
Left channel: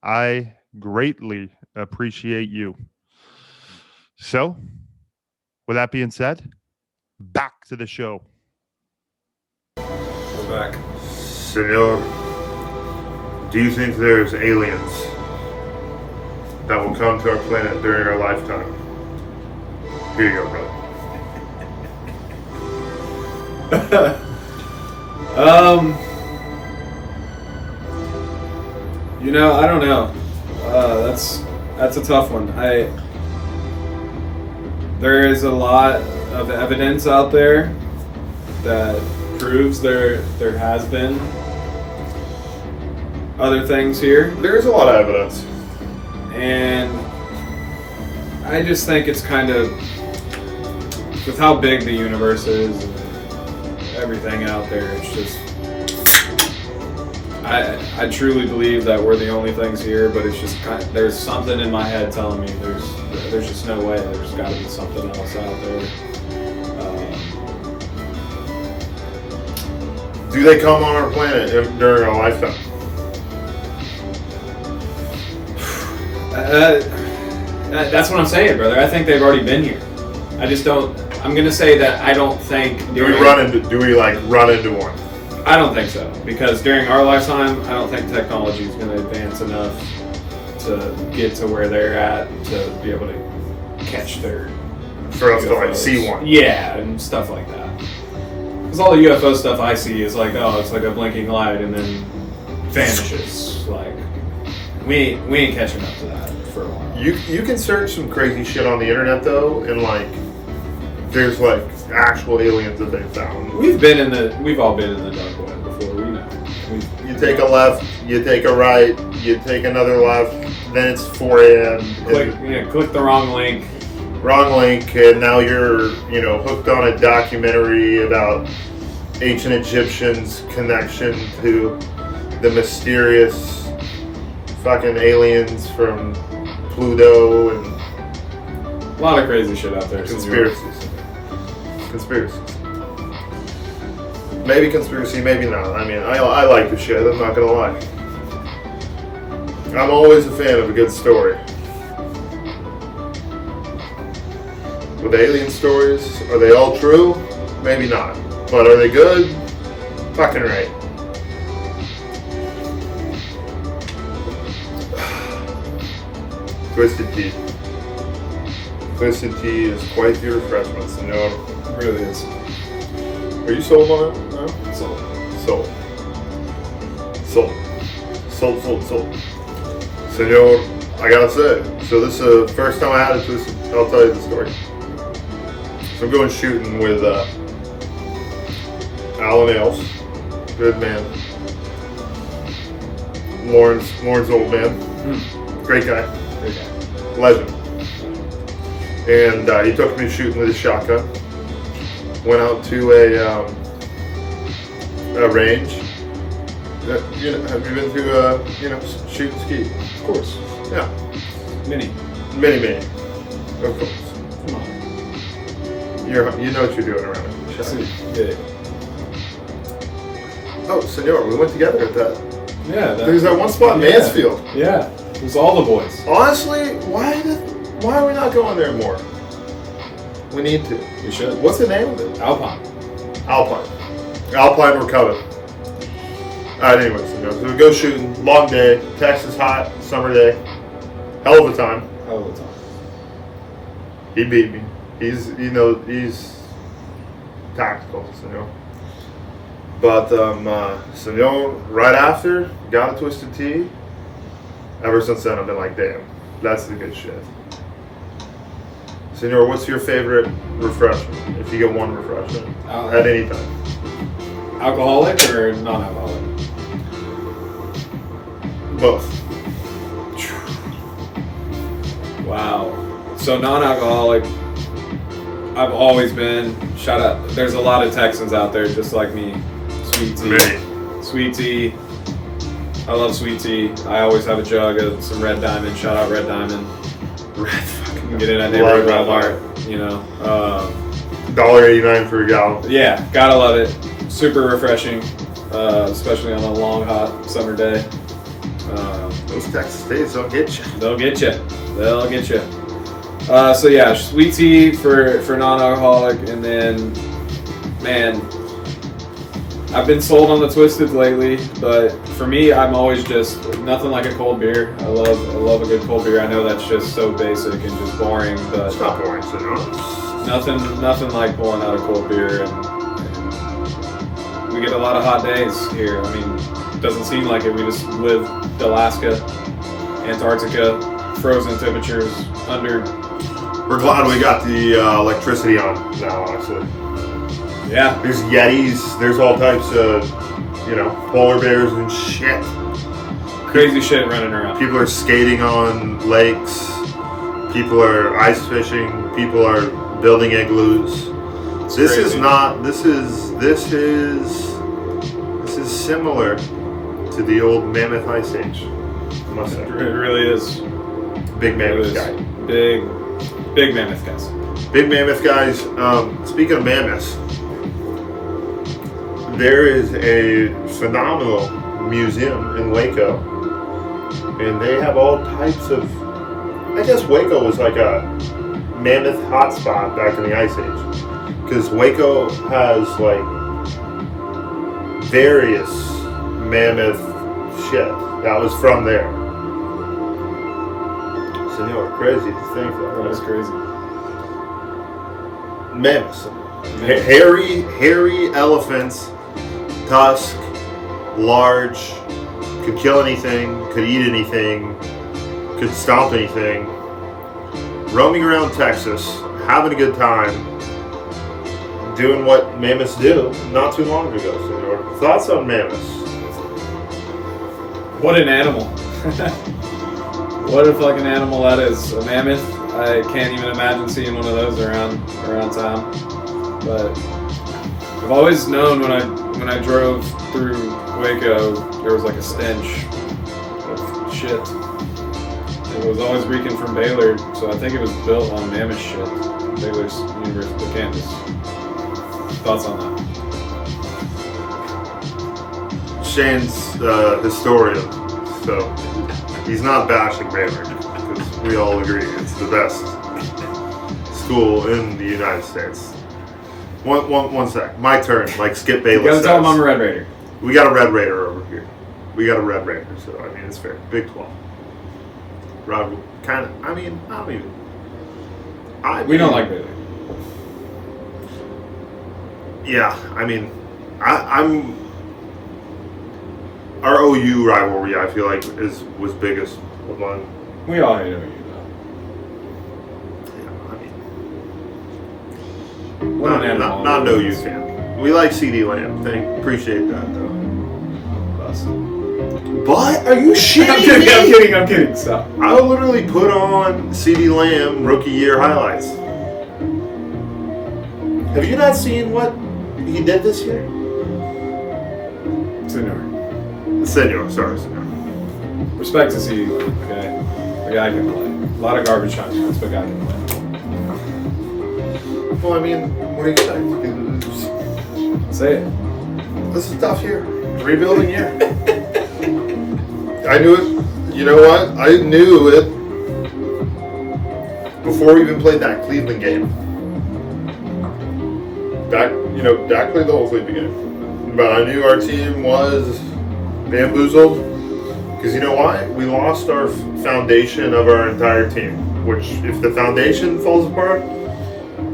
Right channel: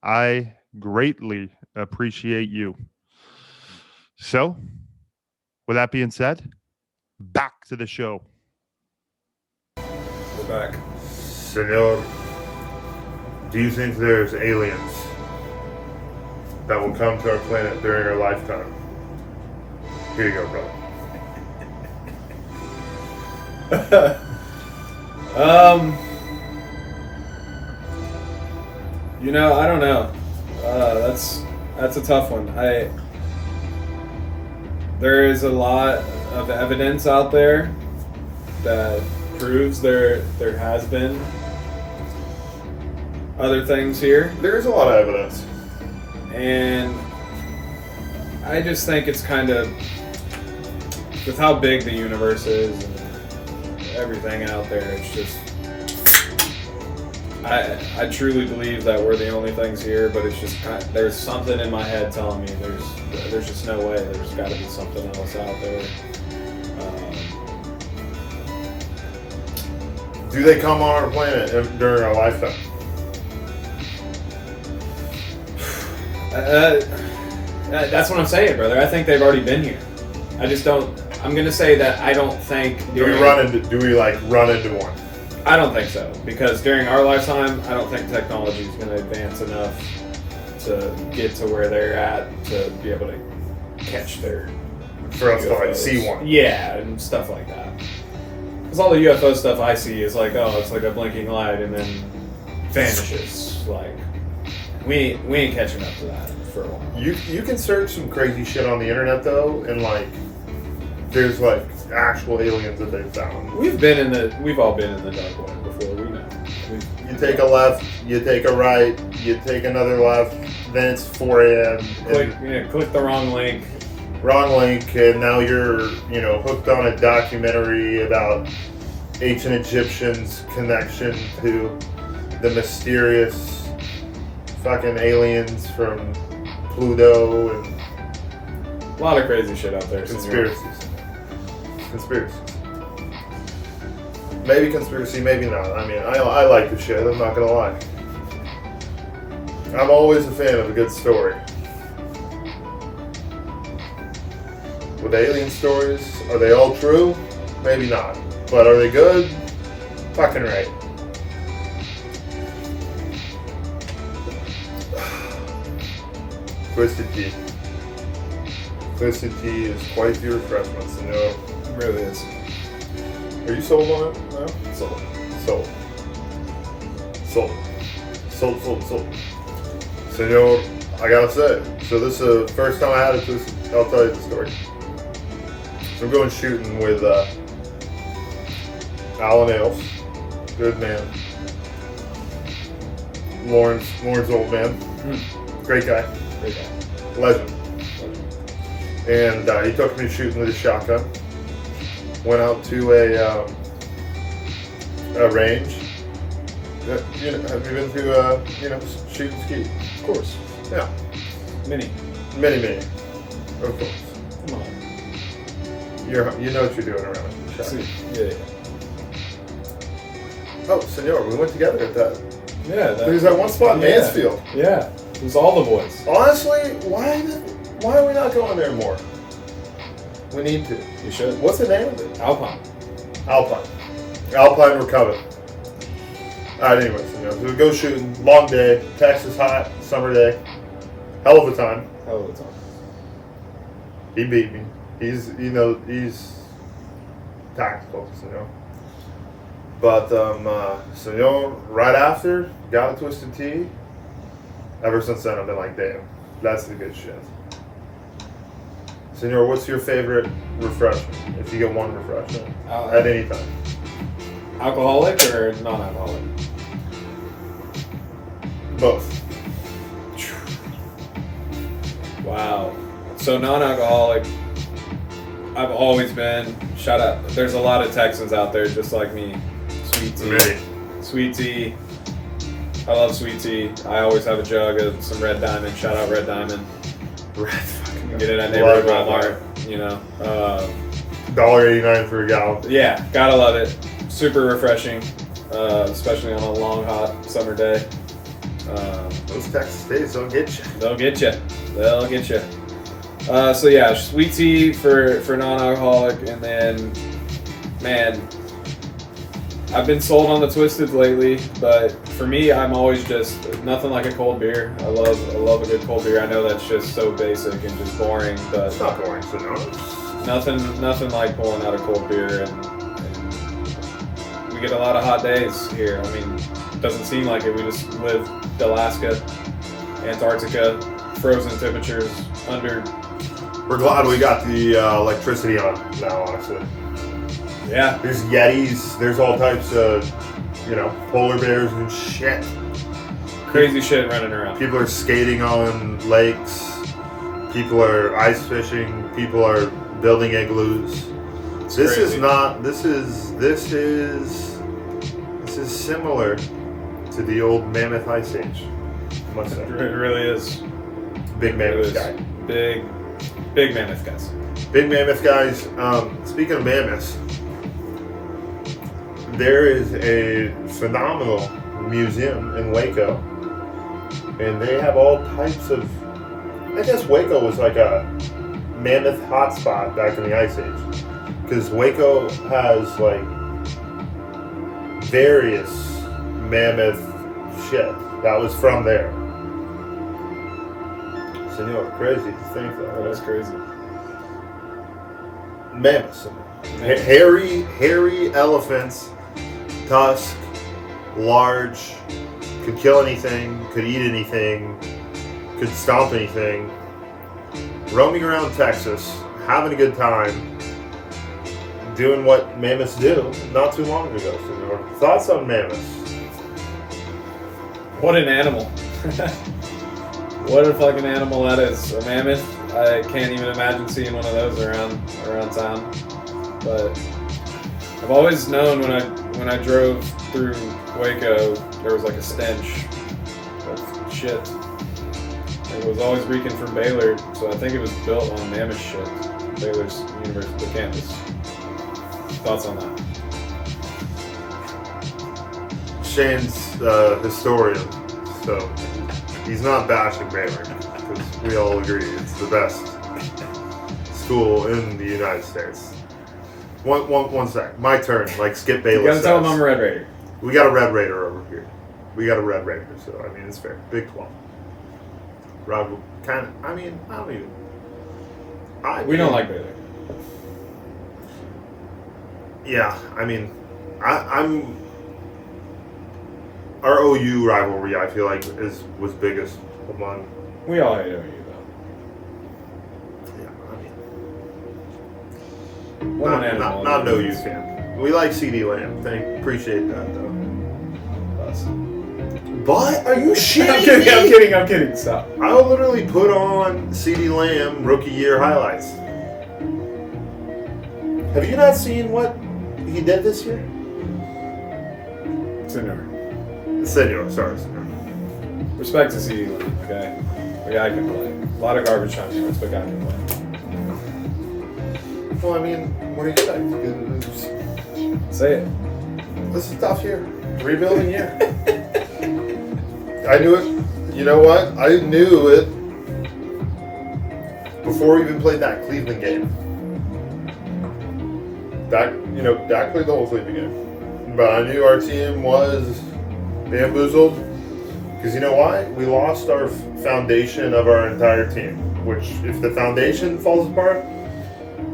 I greatly appreciate you. So, with that being said, back to the show. We're back. Senor, do you think there's aliens that will come to our planet during our lifetime? Here you go, brother. You know, I don't know. That's a tough one. There is a lot of evidence out there that proves there has been other things here, There's a lot of evidence. and I just think it's kind of, with how big the universe is and everything out there, it's just, I truly believe that we're the only things here, but it's just kind of, there's something in my head telling me there's just no way. There's got to be something else out there. Do they come on our planet during our lifetime? That's what I'm saying, brother. I think they've already been here. I just don't. I'm gonna say that I don't think. Do we run into one? I don't think so, because during our lifetime, I don't think technology is going to advance enough to get to where they're at to be able to catch their For us to like UFOs. see one. Yeah, and stuff like that. Because all the UFO stuff I see is like, oh, it's like a blinking light and then vanishes. Like, we ain't catching up to that for a while. You can search some crazy shit on the internet though, and like there's like actual aliens that they found. We've all been in the dark web before. We know. You take a left, you take a right, you take another left, then it's 4 a.m. Click the wrong link. Wrong link, and now you're hooked on a documentary about ancient Egyptians' connection to the mysterious fucking aliens from Pluto and A lot of crazy shit out there. conspiracies. Maybe conspiracy, maybe not. I mean, I like the shit, I'm not gonna lie. I'm always a fan of a good story. With alien stories, are they all true? Maybe not. But are they good? Fucking right. Twisted Tea. Twisted Tea is quite the refreshment, so no. It really is. Are you sold on it? No? Sold. Sold. Senor, I gotta say, so this is the first time I had a Twisted. I'll tell you the story. So I'm going shooting with Alan Ailes, good man. Lawrence old man, great guy, legend. And he took me shooting with a shotgun. Went out to a range. Have you been to shoot and ski? Of course. Yeah. Mini. Many. Of course. Come on. You know what you're doing around a shotgun. Yeah. Oh, Senor, we went together at that. Yeah. There's that one spot in Mansfield. Yeah. It was all the boys. Honestly, why are we not going there more? We need to. We should. What's the name of it? Alpine. Alpine, we're coming. Alright, anyways, so we go shooting, long day, Texas hot, summer day. Hell of a time. Hell of a time. He beat me. He's tactical, But right after, got a Twisted Tea. Ever since then, I've been like, damn, that's the good shit. Senor, what's your favorite refreshment? If you get one refreshment at any time. Alcoholic or non-alcoholic? Both. Wow. So non-alcoholic, I've always been, shout out, there's a lot of Texans out there just like me. Sweet tea. Ready. Sweet tea. I love sweet tea. I always have a jug of some Red Diamond. Shout out Red Diamond. Red fucking. You can get it at neighborhood Red Walmart, $1.89 for a gallon. Yeah, gotta love it. Super refreshing, especially on a long, hot summer day. Those Texas days don't get you. They'll get you. So yeah, sweet tea for non-alcoholic, and then, man, I've been sold on the Twisted lately, but for me, I'm always just nothing like a cold beer. I love a good cold beer. I know that's just so basic and just boring, but It's not boring, nothing like pulling out a cold beer, and we get a lot of hot days here. I mean, doesn't seem like it. We just live Alaska, Antarctica, frozen temperatures under. We're glad we got the electricity on now, honestly. Yeah. There's Yetis, there's all types of, polar bears and shit. Crazy shit running around. People are skating on lakes. People are ice fishing. People are building igloos. This is similar to the old Mammoth Ice Age. I must say. It really is. Big Mammoth guy. Big Mammoth guys. Big Mammoth guys. Speaking of mammoths, there is a phenomenal museum in Waco, and they have all types of. I guess Waco was like a mammoth hotspot back in the Ice Age, because Waco has like various mammoth shit that was from there. So crazy to think that. That's crazy. Mammoths. Hairy elephants, tusk, large, could kill anything, could eat anything, could stomp anything. Roaming around Texas, having a good time, doing what mammoths do not too long ago, Senor. Thoughts on mammoths? What an animal. What a fucking animal that is. A mammoth. I can't even imagine seeing one of those around town. But I've always known when I drove through Waco, there was like a stench of shit. It was always reeking from Baylor, so I think it was built on mammoth shit. Baylor's University campus. Thoughts on that? Shane's historian, so he's not bashing Baylor, because we all agree it's the best school in the United States. One sec. My turn. Like Skip Bayless. You gotta tell him I'm a Red Raider. We got a Red Raider over here. We got a Red Raider, so I mean it's fair. Big 12. Rod kind of. I mean, I don't even. We don't like Baylor. Yeah, I mean, I'm. Our OU rivalry, I feel like, was biggest among. We all hate OU though. What an animal. Not an OU fan. We like CD Lamb. Appreciate that though. But are you shitting I'm kidding. Stop. I literally put on CD Lamb rookie year highlights. Have you not seen what he did this year? Senor. Sorry, Senor. Respect to CD Lamb, okay? The guy can play. A lot of garbage time shots, but guy can play. Well, I mean, what do you expect? Say it. This is tough year. Rebuilding year. I knew it. You know what? I knew it before we even played that Cleveland game. Dak played the whole Cleveland game. But I knew our team was bamboozled. Because you know why? We lost our foundation of our entire team. Which, if the foundation falls apart,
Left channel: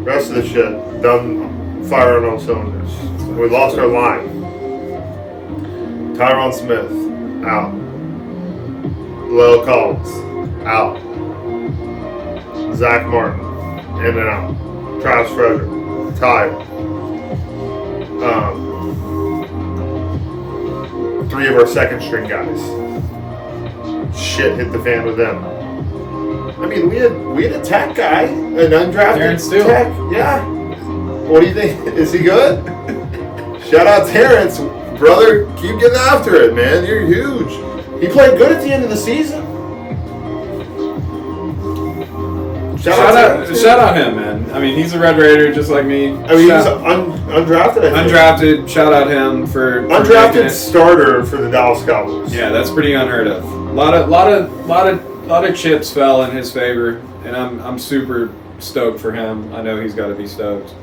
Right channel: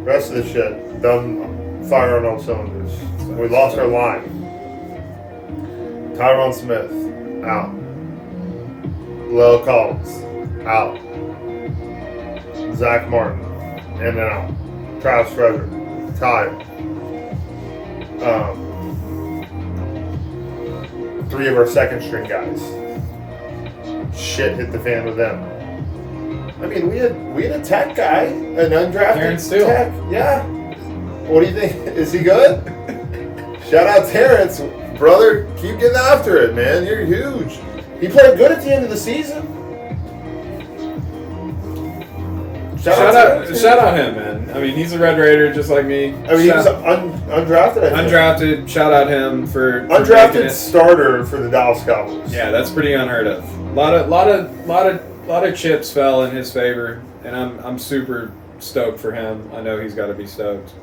rest of the shit, done firing on cylinders. We lost our line. Tyron Smith, out. Lil Collins, out. Zach Martin, in and out. Travis Frederick, tied. 3 of our second string guys. Shit hit the fan with them. I mean, we had a tech guy, an undrafted tech. Yeah. What do you think? Is he good? Shout out Terrence, brother. Keep getting after it, man. You're huge. He played good at the end of the season. Shout out him, man. I mean, he's a Red Raider just like me. I mean, he's undrafted. Undrafted. Shout out him for undrafted starter for the Dallas Cowboys. Yeah, that's pretty unheard of. A lot of chips fell in his favor, and I'm super stoked for him. I know he's got to be stoked.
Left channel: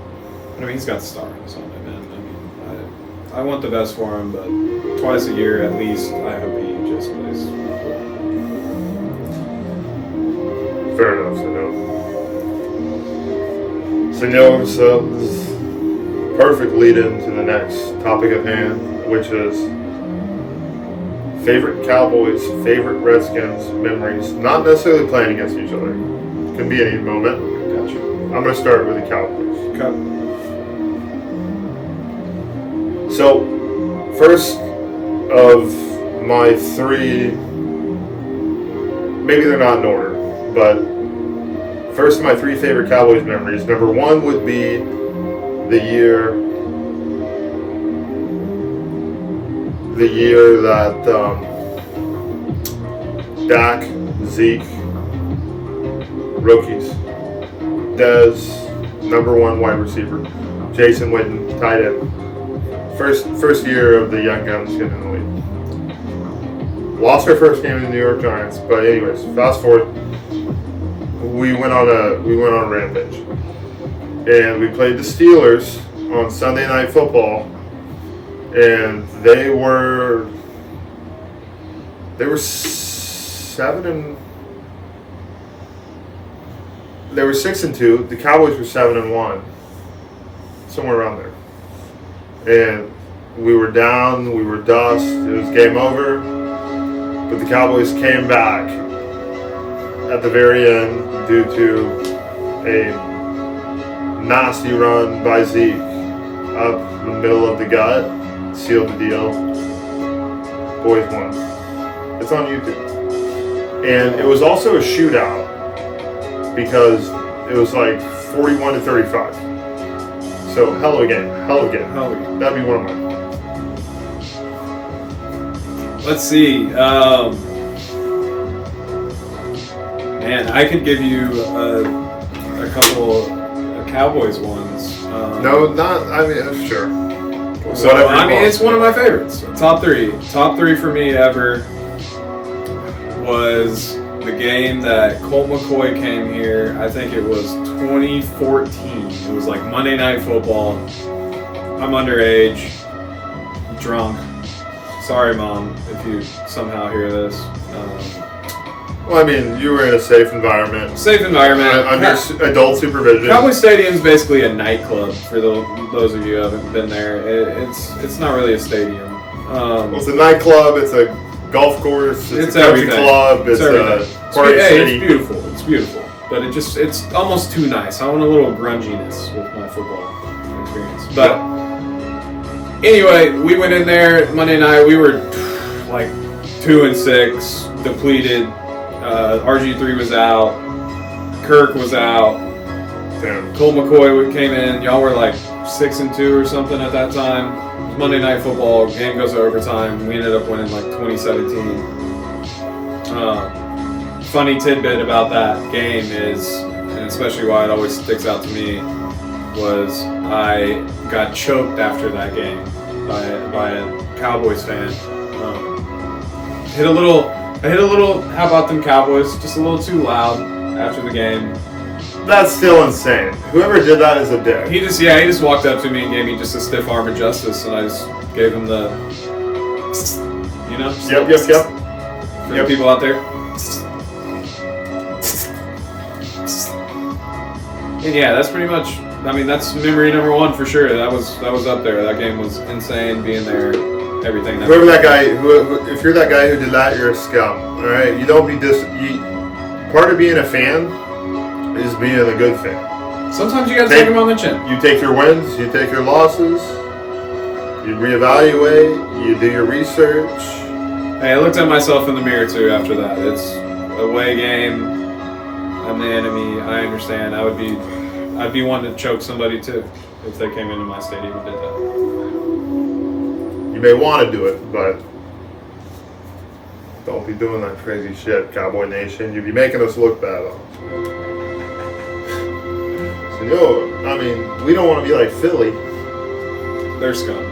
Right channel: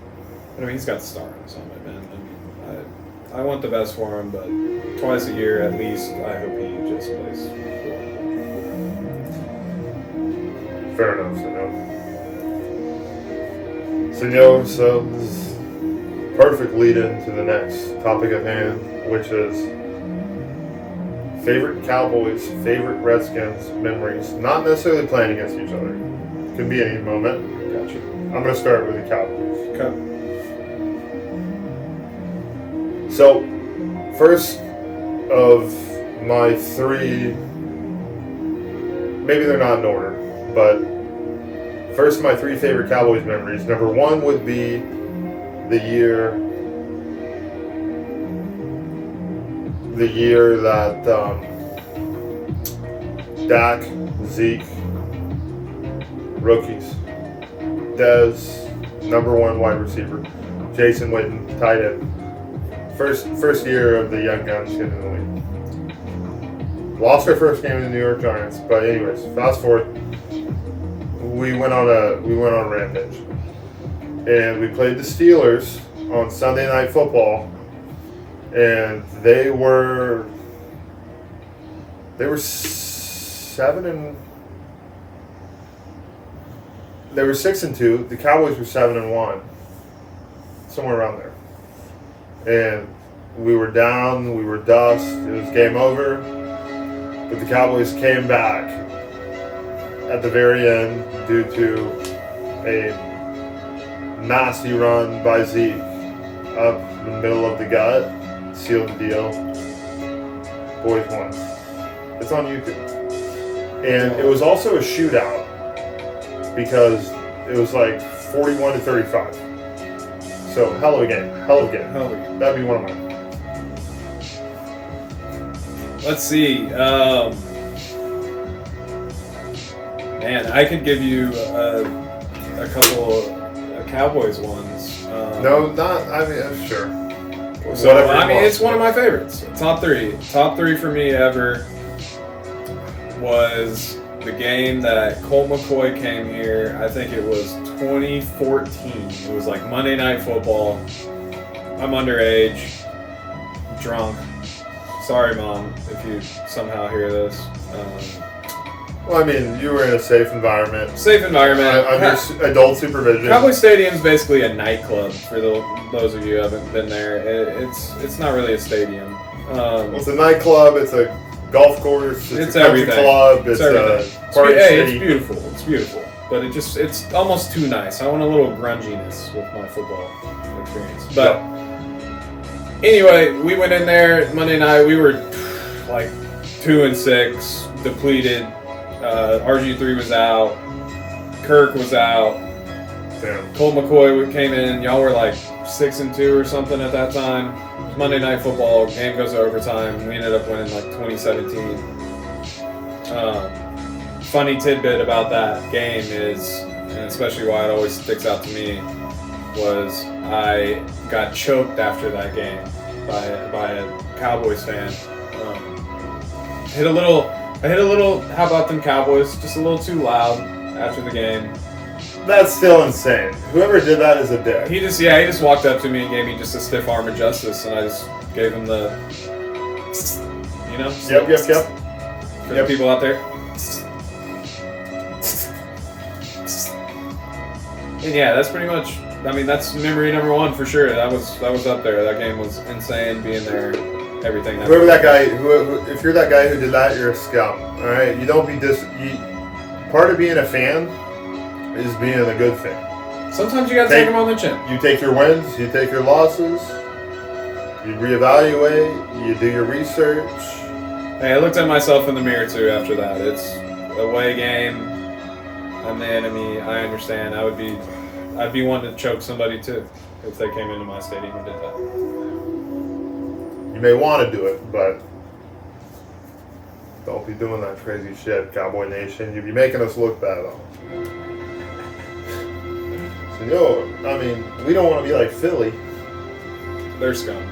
I mean, he's got the star on his helmet, man. I mean, I want the best for him, but twice a year at least, I hope he just plays. Fair enough, so this is perfect lead into the next topic at hand, which is favorite Cowboys, favorite Redskins memories. Not necessarily playing against each other. Can be any moment. Gotcha. I'm going to start with the Cowboys. Okay. So, first of my three, maybe they're not in order, but first of my three favorite Cowboys memories. Number one would be the year that Dak, Zeke, rookies, Dez, number one wide receiver, Jason Witten, tight end. First year of the young guns getting in the league. Lost our first game to the New York Giants, but anyways, fast forward. We went on a rampage, and we played the Steelers on Sunday Night Football, and they were 6-2. The Cowboys were 7-1, somewhere around there. And we were down, we were dust, it was game over. But the Cowboys came back at the very end due to a nasty run by Zeke up the middle of the gut, sealed the deal. Boys won. It's on YouTube. And it was also a shootout because it was like 41-35. So, hell of a game. That'd be one of mine. Let's see. Man, I could give you a couple of Cowboys ones. Sure. So, it's one of my favorites. Top three for me ever was the game that Colt McCoy came here. I think it was 2014. It was like Monday Night Football. I'm underage, drunk. Sorry, Mom, if you somehow hear this. You were in a safe environment. Under adult supervision. Cowboy Stadium is basically a nightclub for those of you who haven't been there. It's not really a stadium. It's a nightclub. It's a golf course. It's a country club. It's a party city. It's beautiful. But it's almost too nice. I want a little grunginess with my football experience. But anyway, we went in there Monday night. We were like 2-6, depleted. RG3 was out. Kirk was out. Damn. Colt McCoy came in. Y'all were like 6-2 or something at that time. It was Monday Night Football. Game goes to overtime. We ended up winning like 2017. Funny tidbit about that game is, and especially why it always sticks out to me, was I got choked after that game by a Cowboys fan. I hit a little. How about them Cowboys? Just a little too loud after the game. That's still insane. Whoever did that is a dick. He just walked up to me and gave me just a stiff arm of justice, and I just gave him the, Yep. For the people out there. And yeah, that's pretty much. That's memory number one for sure. That was up there. That game was insane. Being there, everything. Whoever that guy, if you're that guy who did that, you're a scum. All right, you don't be part of being a fan is being a good fan. Sometimes you gotta take them on the chin. You take your wins, you take your losses, you reevaluate, you do your research. Hey, I looked at myself in the mirror too after that. It's a away game. I'm the enemy. I understand. I'd be wanting to choke somebody too if they came into my stadium and did that. You may want to do it, but don't be doing that crazy shit, Cowboy Nation. You'd be making us look bad on. So, we don't want to be like Philly. They're scum.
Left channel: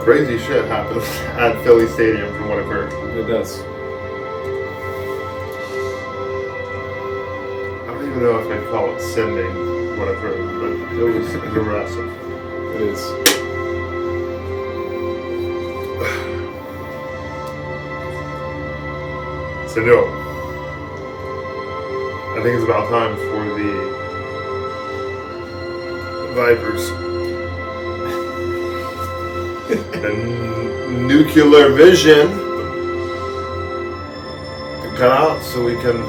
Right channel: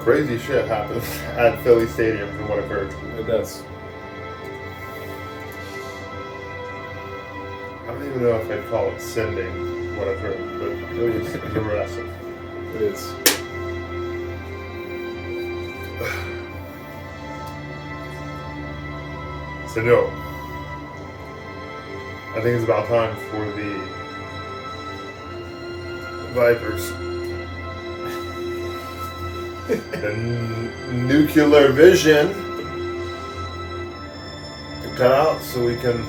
Crazy shit happens at Philly Stadium from what I've heard. It does. I don't even know if I'd call it sending what I've heard, but it was aggressive. It is. So no, I think it's about time for the Vipers and nuclear vision to cut out so we can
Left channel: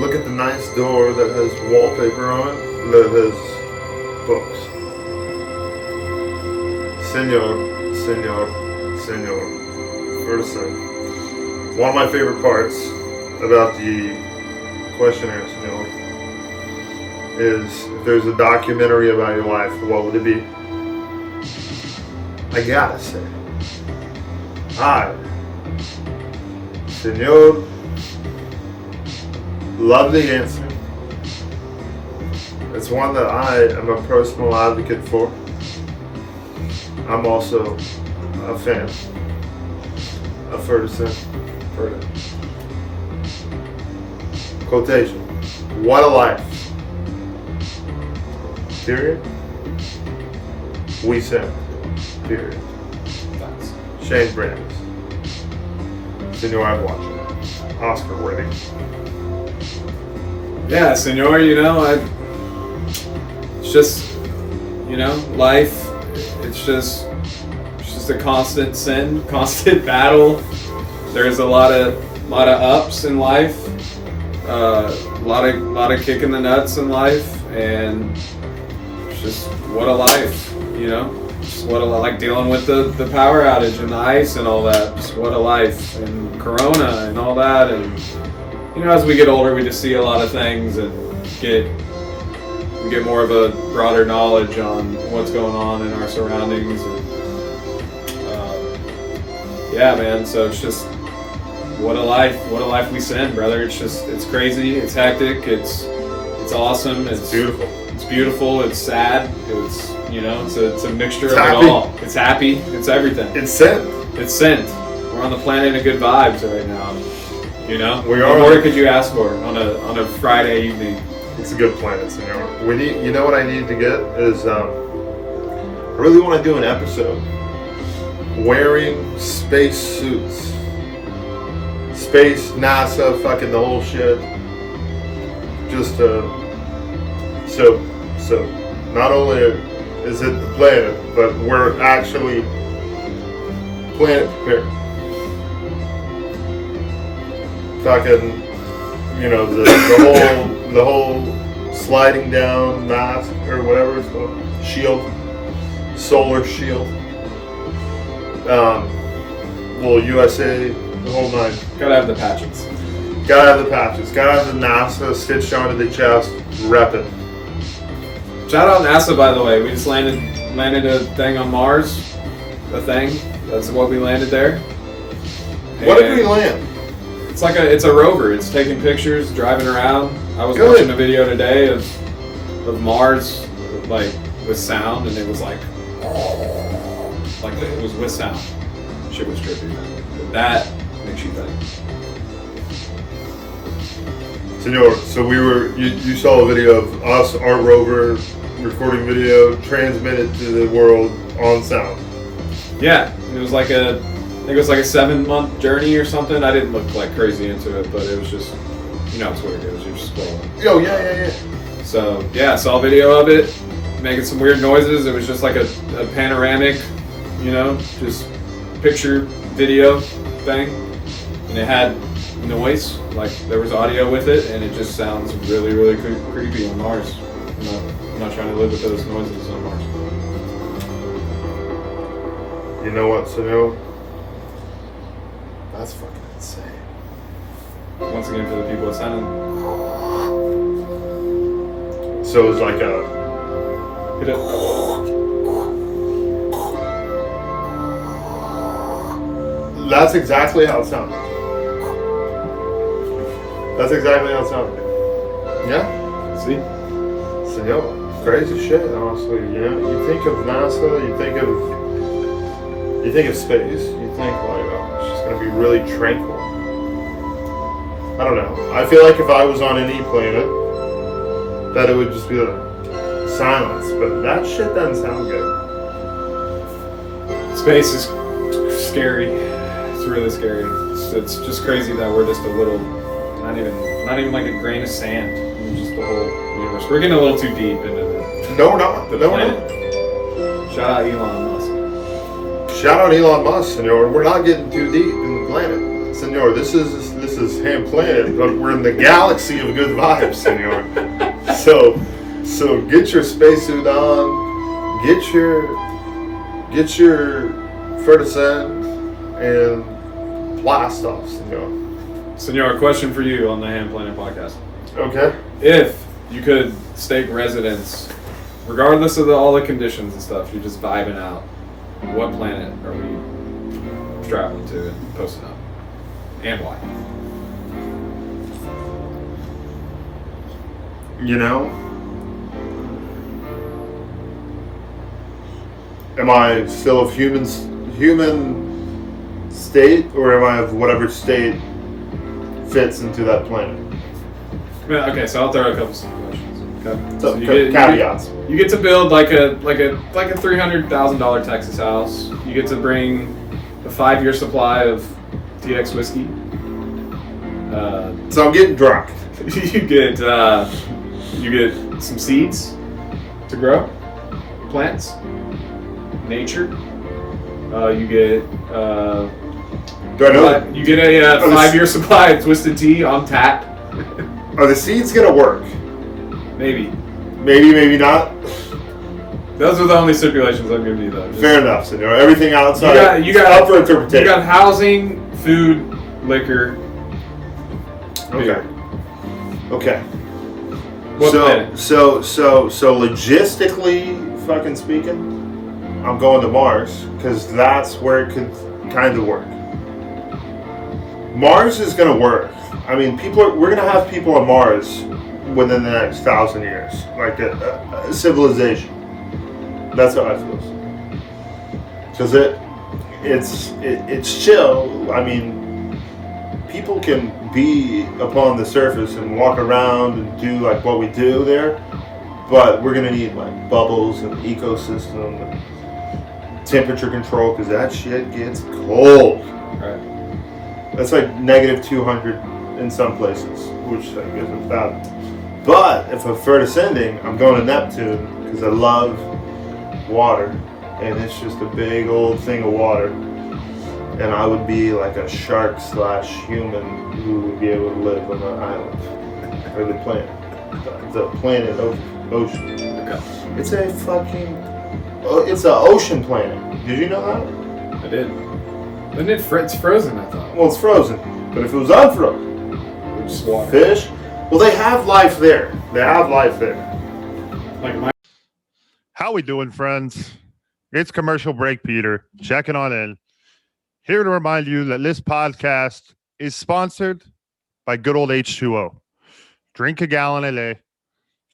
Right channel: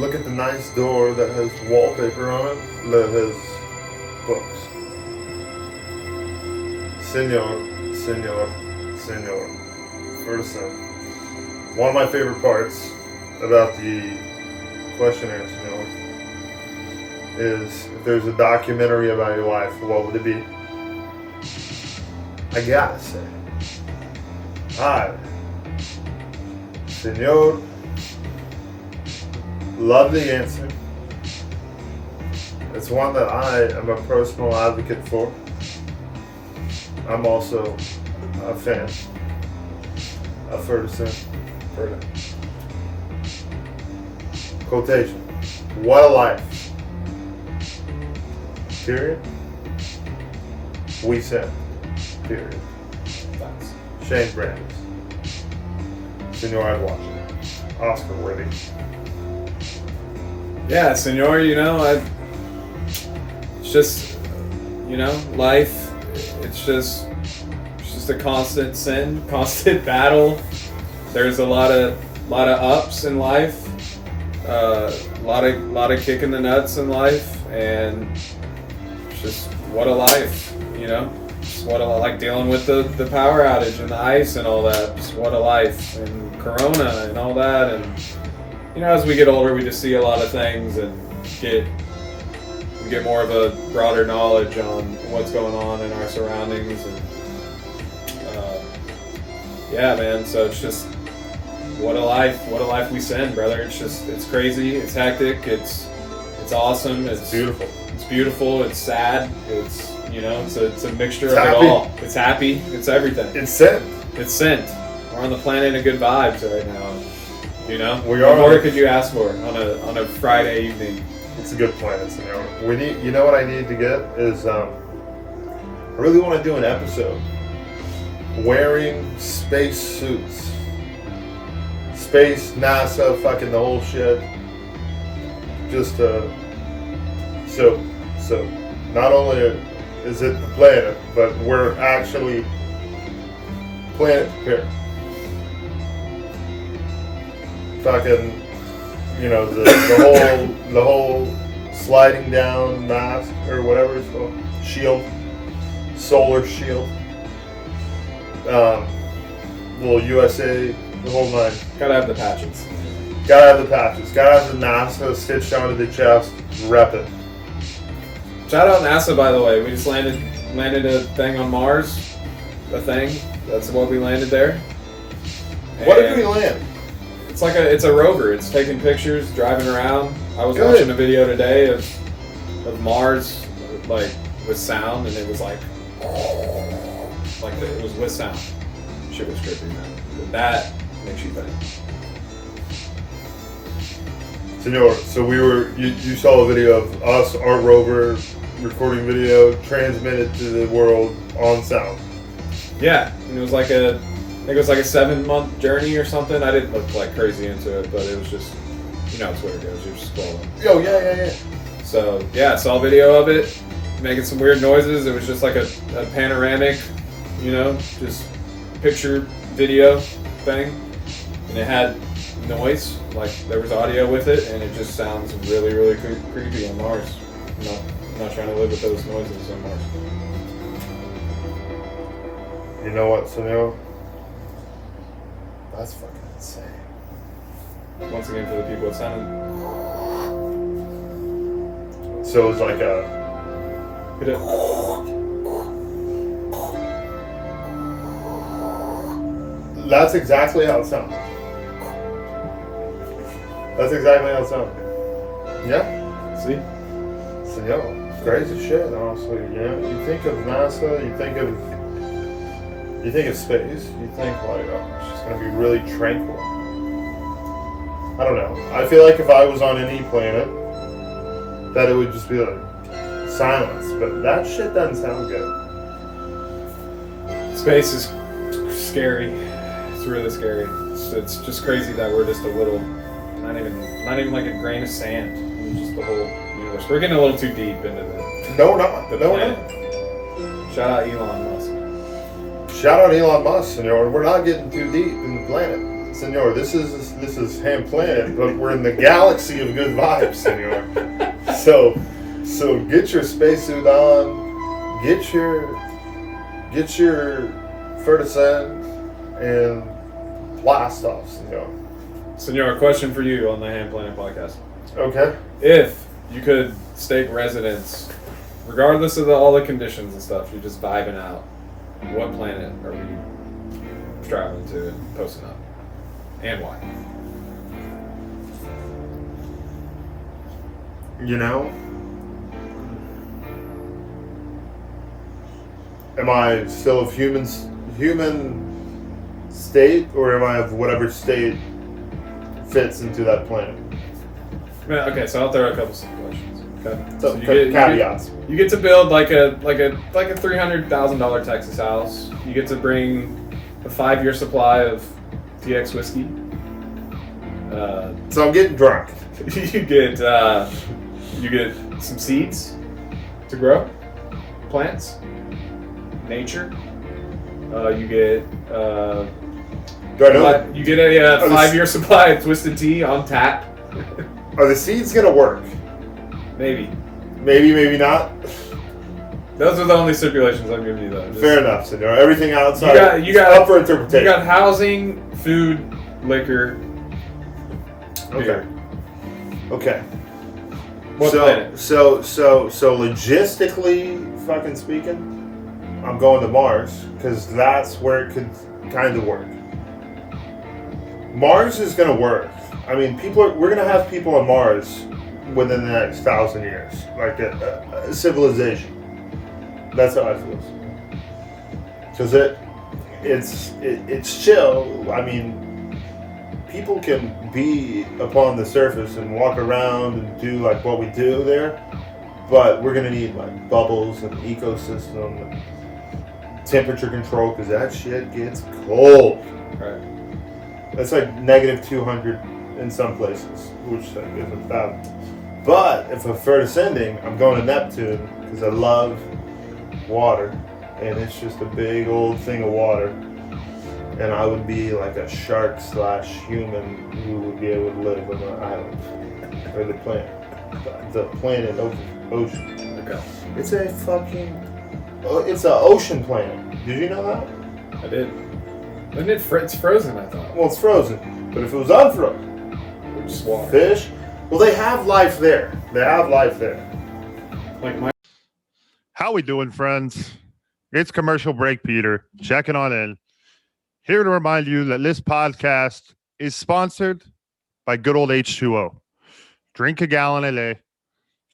look at the nice door that has wallpaper on it, that has books. Senor. First thing. One of my favorite parts about the questionnaire, Senor, is if there's a documentary about your life, what would it be? I gotta say, I, Senor, love the answer. It's one that I am a personal advocate for. I'm also a fan of Ferguson. Quotation. What a life. Period. We send. Period. Shane Brands. Senor, I'm watching. Oscar winning. Yeah, Senor, it's just, life, it's just a constant sin, constant battle. There's a lot of ups in life, a lot of kicking the nuts in life, and it's just what a life, Just what like dealing with the power outage and the ice and all that. Just what a life, and Corona and all that, and as we get older, we just see a lot of things and we get more of a broader knowledge on what's going on in our surroundings. And, yeah, man. So it's just what a life we send, brother. It's crazy. It's hectic. It's awesome. It's beautiful. It's beautiful. It's sad. It's it's a mixture of happy. it all. It's happy. It's everything. It's sent. It's sent. We're on the planet of good vibes right now. We are. What more could you ask for on a Friday evening? It's a good plan, Senor. We need. You know what I need to get is I really want to do an episode wearing space suits, space, NASA, fucking the whole shit. Just so not only is it the planet, but we're actually planet prepared. Fucking, the whole sliding down mask or whatever it's called, shield, solar shield. USA, the whole nine. Gotta have the patches. Gotta have the patches. Gotta have the NASA stitched onto the chest. Rep it. Shout out NASA, by the way. We just landed a thing on Mars. A thing. That's what we landed there. What did we land? It's a rover. It's taking pictures, driving around. I was watching a video today of Mars, like with sound, and it was like it was with sound. Shit was trippy, man. But that makes you think. Senor, so you saw a video of us, our rover, recording video, transmitted to the world on sound. Yeah, and it was like I think it was like a 7-month journey or something. I didn't look like crazy into it, but it was just, it's what it is. You're just scrolling. Oh, yeah. So, yeah, saw a video of it, making some weird noises. It was just like a panoramic, just picture video thing. And it had noise, like there was audio with it, and it just sounds really, really creepy on Mars. I'm not trying to live with those noises on Mars. You know what, Senor? That's fucking insane. Once again, for the people that sounded. So it's like a. That's exactly how it sounded. Yeah? See? Senor, crazy shit, honestly. You think of NASA, you think of space, you think like, it's just gonna be really tranquil. I don't know. I feel like if I was on any planet, that it would just be like silence, but that shit doesn't sound good. Space is scary. It's really scary. It's just crazy that we're just a little, not even like a grain of sand in just the whole universe. We're getting a little too deep into the No, we're not. the No, we're planet. not. Shout out Elon Musk. Shout out Elon Musk, senor. We're not getting too deep in the planet, senor. This is Hamm Planet, but we're in the galaxy of good vibes, senor. So get your spacesuit on, get your Fertisend, and blast off, senor. Senor, question for you on the Hamm Planet Podcast. Okay. If you could stake residence, regardless of all the conditions and stuff, you're just vibing out, what planet are we traveling to and posting up? And why? You know, am I still of human state, or am I of whatever state fits into that planet? Yeah, okay, so I'll throw a couple situations. Okay. So, you caveats. You get to build like a $300,000 Texas house. You get to bring a 5-year supply of TX whiskey. So I'm getting drunk. You get some seeds to grow, plants, nature. You get Do I know? you get a 5-year supply of twisted tea on tap. Are the seeds gonna work? Maybe. Maybe not. Those are the only stipulations I'm giving you, though. Fair enough, senor. Everything outside You got up for interpretation. You got housing, food, liquor. Beer. Okay. What planet? So logistically, fucking speaking, I'm going to Mars because that's where it could kind of work. Mars is gonna work. I mean, we're gonna have people on Mars within the next 1,000 years, like a civilization. That's how I feel. Because it's chill. I mean, people can be upon the surface and walk around and do like what we do there, but we're gonna need like bubbles and ecosystem and temperature control because that shit gets cold. Right. That's like -200 in some places, which I guess is bad. But if I'm ascending, I'm going to Neptune because I love water, and it's just a big old thing of water. And I would be like a shark/human who would be able to live on an island or the planet of ocean. Okay. It's a it's an ocean planet. Did you know that? I did. It's frozen, I thought. Well, it's frozen, but if it was unfrozen, Just water. fish. Well, they have life there. Like my. How we doing, friends? It's commercial break, Peter. Checking on in. Here to remind you that this podcast is sponsored by good old H2O. Drink a gallon a day.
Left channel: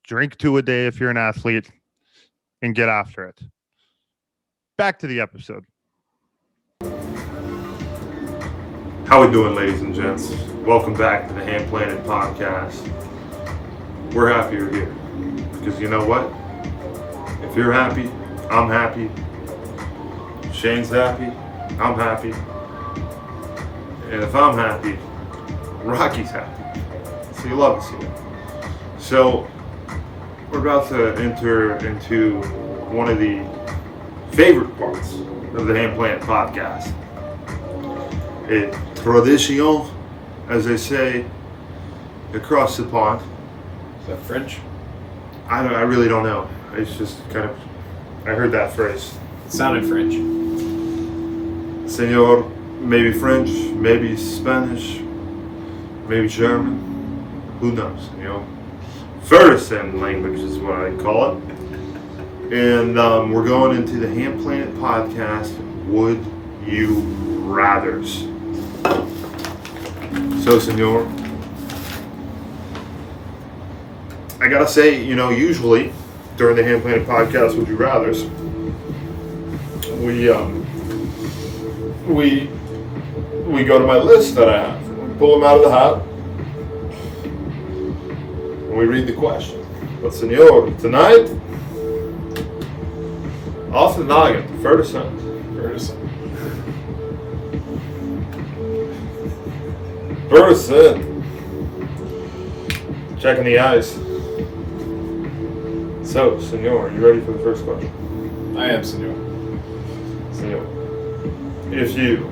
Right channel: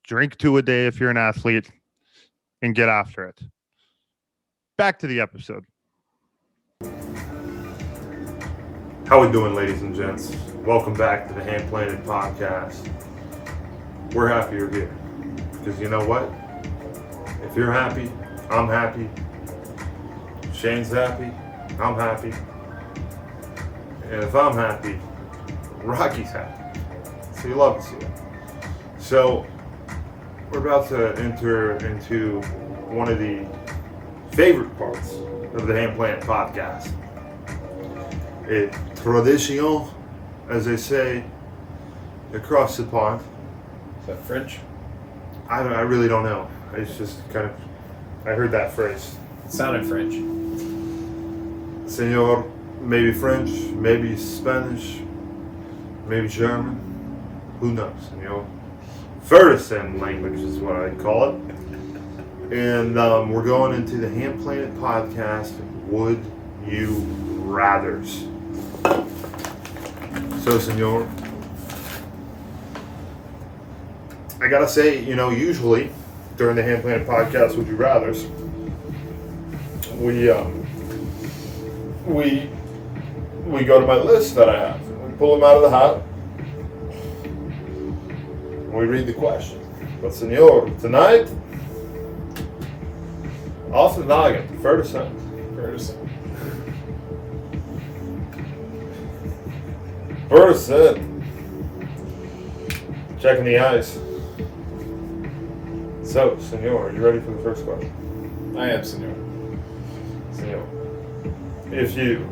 Drink 2 a day if you're an athlete. And get after it. Back to the episode. How we doing, ladies and gents? Welcome back to the Hamm Planet Podcast. We're happy you're here. Because you know what? If you're happy, I'm happy. Shane's happy, I'm happy. And if I'm happy, Rocky's happy. So you love to see it. So we're about to enter into one of the favorite parts of the Hamm Planet Podcast. A tradition, as they say, across the pond. Is that French? I really don't know. It's just kind of, I heard that phrase. It sounded French. Senor, maybe French, maybe Spanish, maybe German. Who knows, you know? Fertisend language is what I call it. And we're going into the Hamm Planet Podcast, Would You Rathers. So, senor, I gotta say, you know, usually during the Hamm Planet Podcast, Would You Rathers, we go to my list that I have. We pull them out of the hat, and we read the question. But, senor, tonight, off the noggin, Fertisend. Checking the eyes. So, senor, are you ready for the first question? I I am, senor. Senor, if you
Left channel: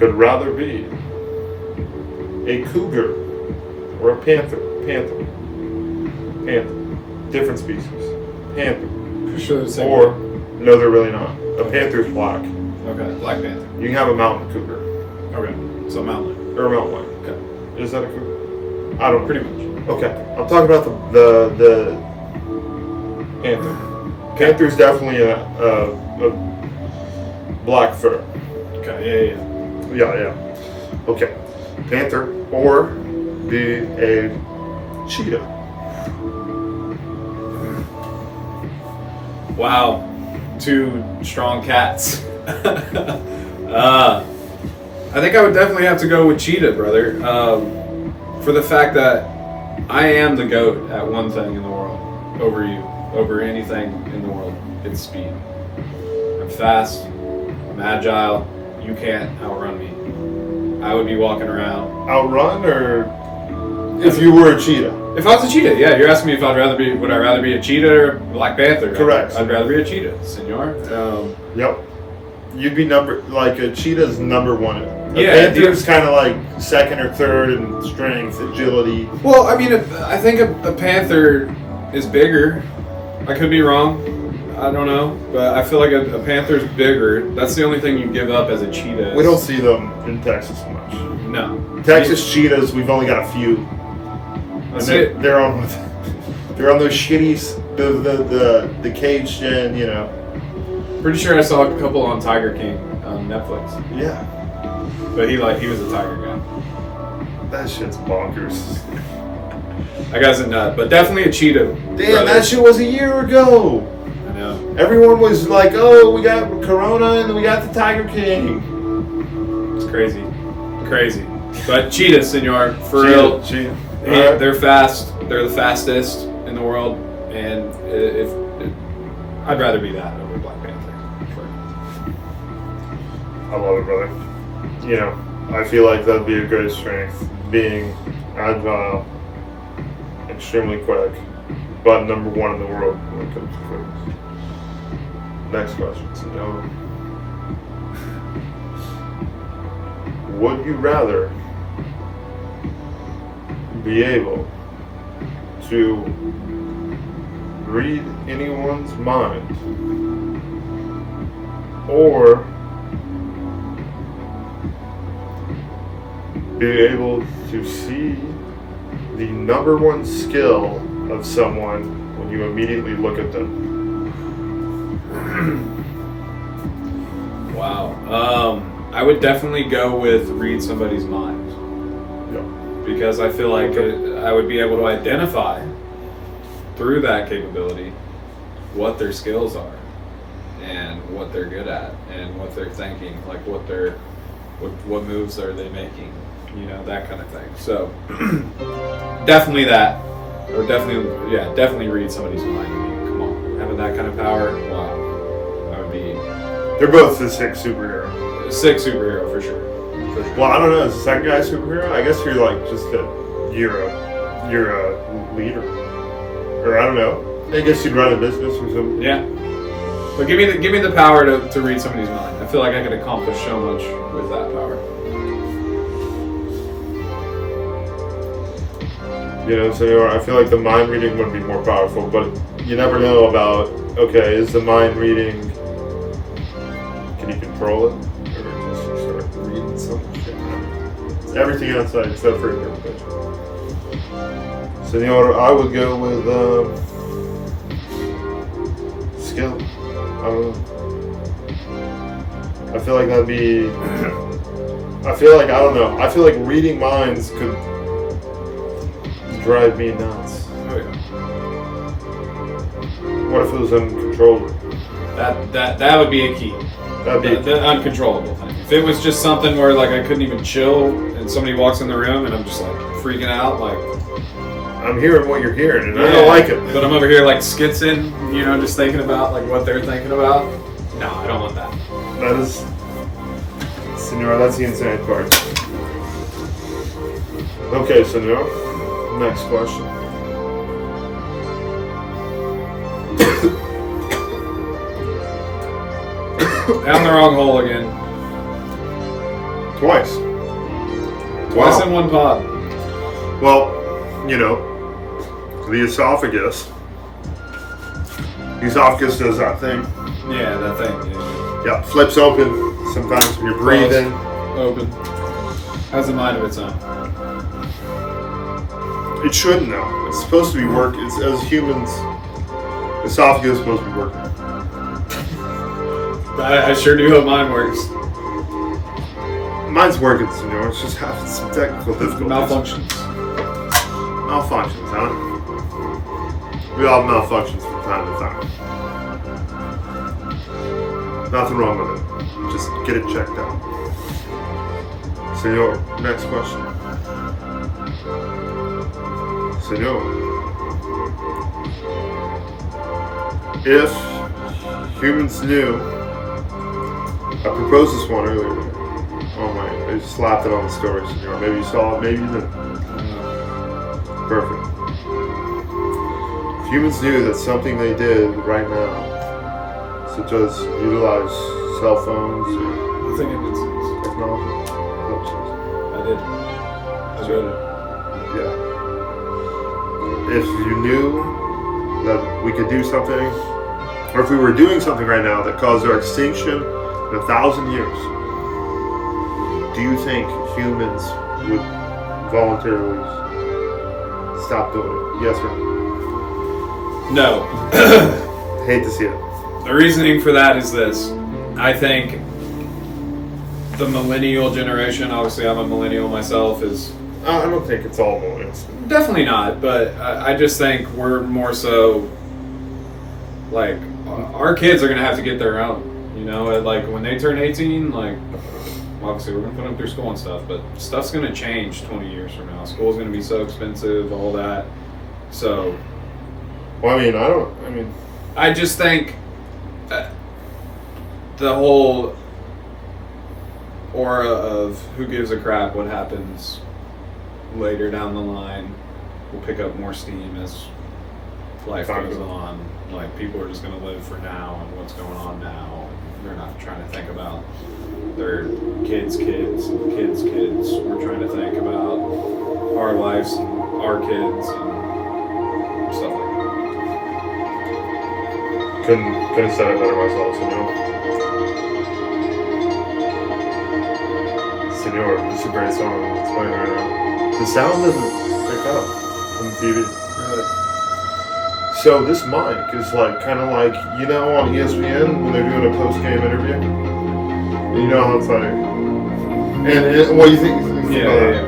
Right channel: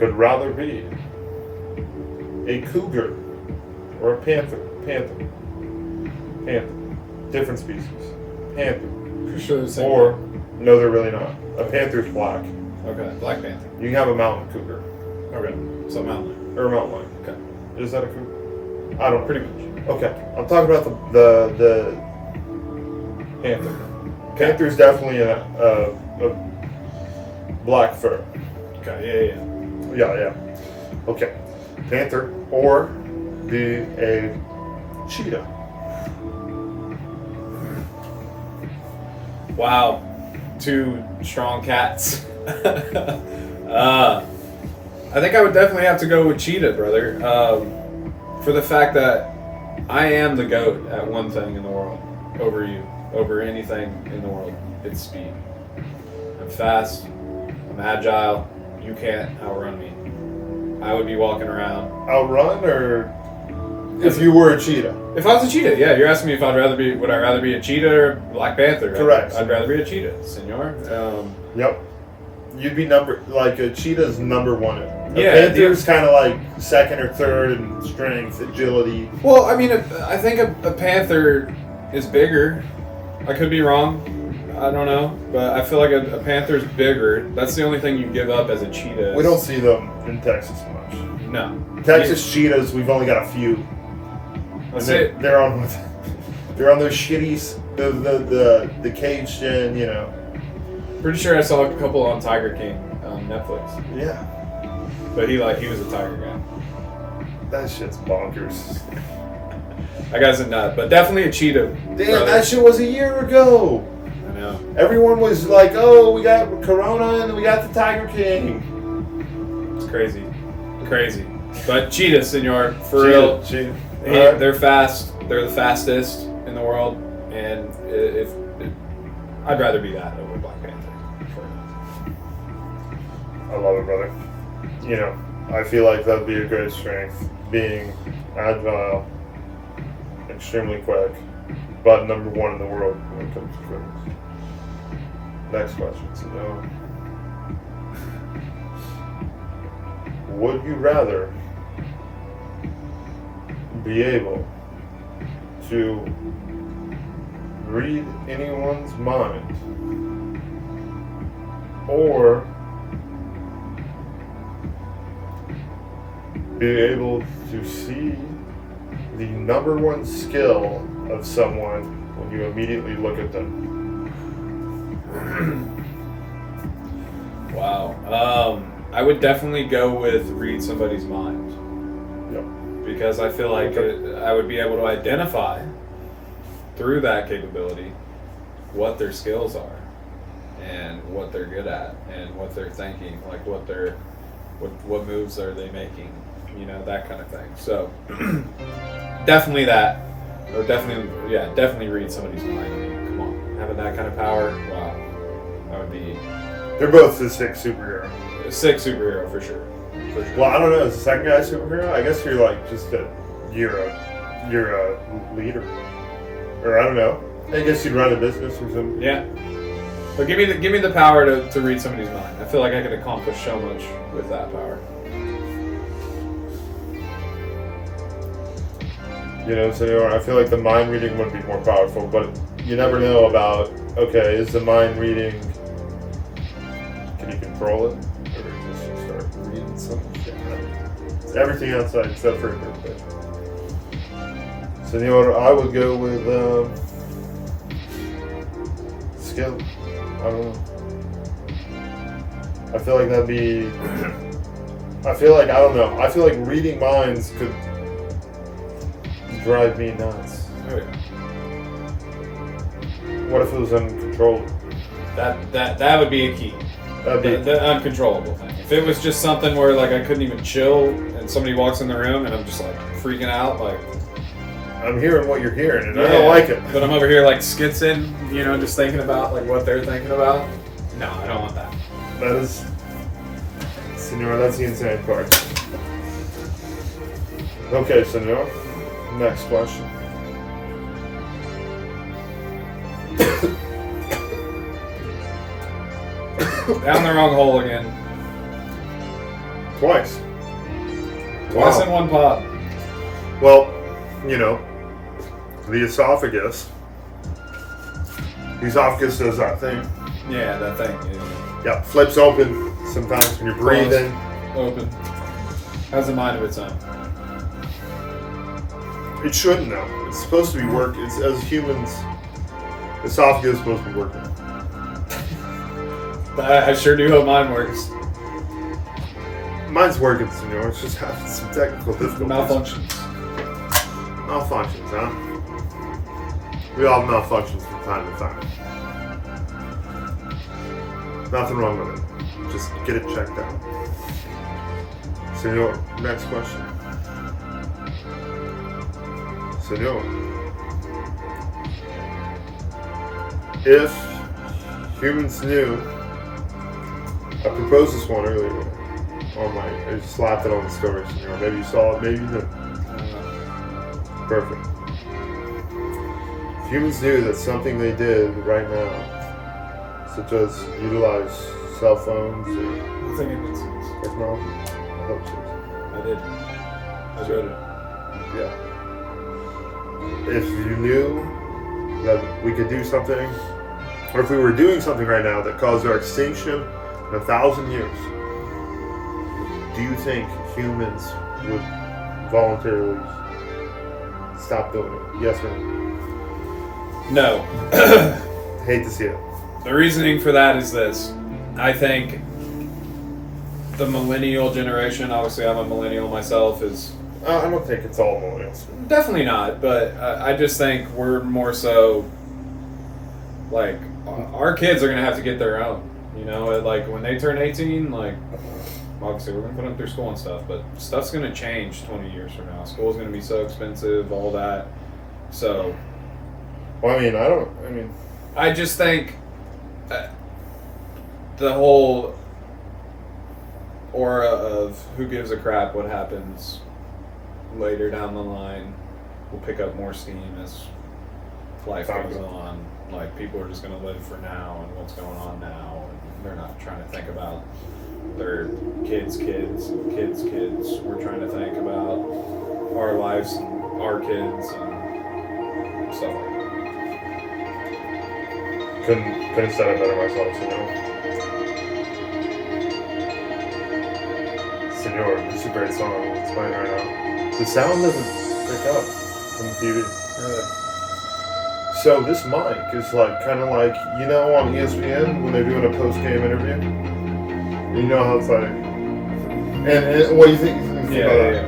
could rather be a cougar or a panther, different species, panther, Pretty sure they're the same. or no, they're really not. A panther's black. Okay, Black Panther. You can have a mountain cougar Okay, so mountain lion. or a mountain lion. Okay, Is that a cougar? I don't know. pretty much. Okay, I'm talking about the panther. Panther's definitely a black fur. Okay, Yeah. Okay, panther or be a cheetah. Wow, 2 strong cats. I think I would definitely have to go with cheetah, brother. For the fact that I am the GOAT at one thing in the world over you, over anything in the world. It's speed. I'm fast, I'm agile, you can't outrun me. I would be walking around. Outrun or if you were a cheetah? If I was a cheetah, yeah, you're asking me if would I rather be a cheetah or Black Panther? Correct. I'd rather be a cheetah, senor. Yep. You'd be a cheetah's number one. A Yeah, panther's kind of like second or third in strength, agility. Well, I mean, I think a panther is bigger. I could be wrong. I don't know, but I feel like a panther's bigger. That's the only thing you give up as a cheetah. We don't see them in Texas much. No. Texas cheetahs, we've only got a few. That's And it. they're on those shitty the caged in, you know. Pretty sure I saw a couple on Tiger King on Netflix, Yeah. but he was a tiger guy. That shit's bonkers. That guy's a nut, but definitely a cheetah. Damn, brother. that shit was a year ago. I know. Everyone was like, "Oh, we got Corona and we got the Tiger King." It's crazy. But cheetah, senor, for real. Cheetah. Hey, Alright. they're fast. They're the fastest in the world, and I'd rather be that over Black Panther. I love it, brother. You know, I feel like that'd be a great strength, being agile, extremely quick, but number one in the world when it comes to quickness. Next question, senor. Would you rather be able to read anyone's mind or be able to see the number one skill of someone when you immediately look at them? Wow. I would definitely go with read somebody's mind. Yeah. Because I feel like I would be able to identify through that capability what their skills are and what they're good at and what they're thinking, like what moves are they making, you know, that kind of thing. So definitely that. Or definitely read somebody's mind. Come on, having that kind of power, wow, that would be They're both the sixth superhero. a sick superhero for sure. Well, I don't know. Is the second guy a superhero? I guess you're like you're a leader, or I don't know. I guess you'd run a business or something. Yeah. But give me the power to read somebody's mind. I feel like I could accomplish so much with that power. You know, so I feel like the mind reading would be more powerful, but you never know about. Okay, is the mind reading? Can you control it, or just you start reading some shit? Everything outside except for interpretation. Senor, I would go with skill. I don't know. I feel like that'd be. I feel like reading minds could drive me nuts. Oh yeah. What if it was uncontrollable? That would be a key. That'd be. The uncontrollable thing. If it was just something where like I couldn't even chill and somebody walks in the room and I'm just like freaking out, like I'm hearing what you're hearing, and I don't like it. But I'm over here like skitzing, you know, just thinking about like what they're thinking about. No, I don't want that. That is, Senor, that's the insane part. Okay, Senor, next question. Down the wrong hole again. Twice. Twice in one pod. Well, you know, the esophagus. The esophagus does that thing. Yeah, that thing. Yeah, flips open sometimes when you're breathing. Open. Has a mind of its own. It shouldn't though. It's supposed to be working. It's as humans, esophagus is supposed to be working. I sure do hope mine works. Mine's working, senor. It's just having some technical difficulties. Malfunctions. Malfunctions, huh? We all have malfunctions from time to time. Nothing wrong with it. Just get it checked out. Senor, next question. Senor, if humans knew, I proposed this one earlier. Oh my, I just slapped it on the story, senor. Maybe you saw it, maybe you didn't. Perfect. If humans knew that something they did right now, such as utilize cell phones or I think it makes sense. technology, I did. I wrote it. yeah. If you knew that we could do something, or if we were doing something right now that caused our extinction in 1,000 years, do you think humans would voluntarily stop doing it? Yes or no? No. Hate to see it. The reasoning for that is this. I think the millennial generation, obviously I'm a millennial myself, is... I don't think it's all millennials. Definitely not, but I just think we're more so... Like, our kids are going to have to get their own. You know, like when they turn 18, like... Obviously, we're going to put them through school and stuff, but stuff's going to change 20 years from now. School's going to be so expensive, all that. So... Well, I just think the whole aura of who gives a crap what happens later down the line will pick up more steam as life goes on. Like, people are just going to live for now and what's going on now. And they're not trying to think about their kids' kids and kids' kids. We're trying to think about our lives and our kids and stuff like that. Couldn't have said it better myself, senor. Senor, this is a great song that's playing right now. The sound doesn't pick up from the TV. Really? So this mic is like kind of like, you know, on ESPN when they're doing a post-game interview. You know how it's like, and what do you think about that?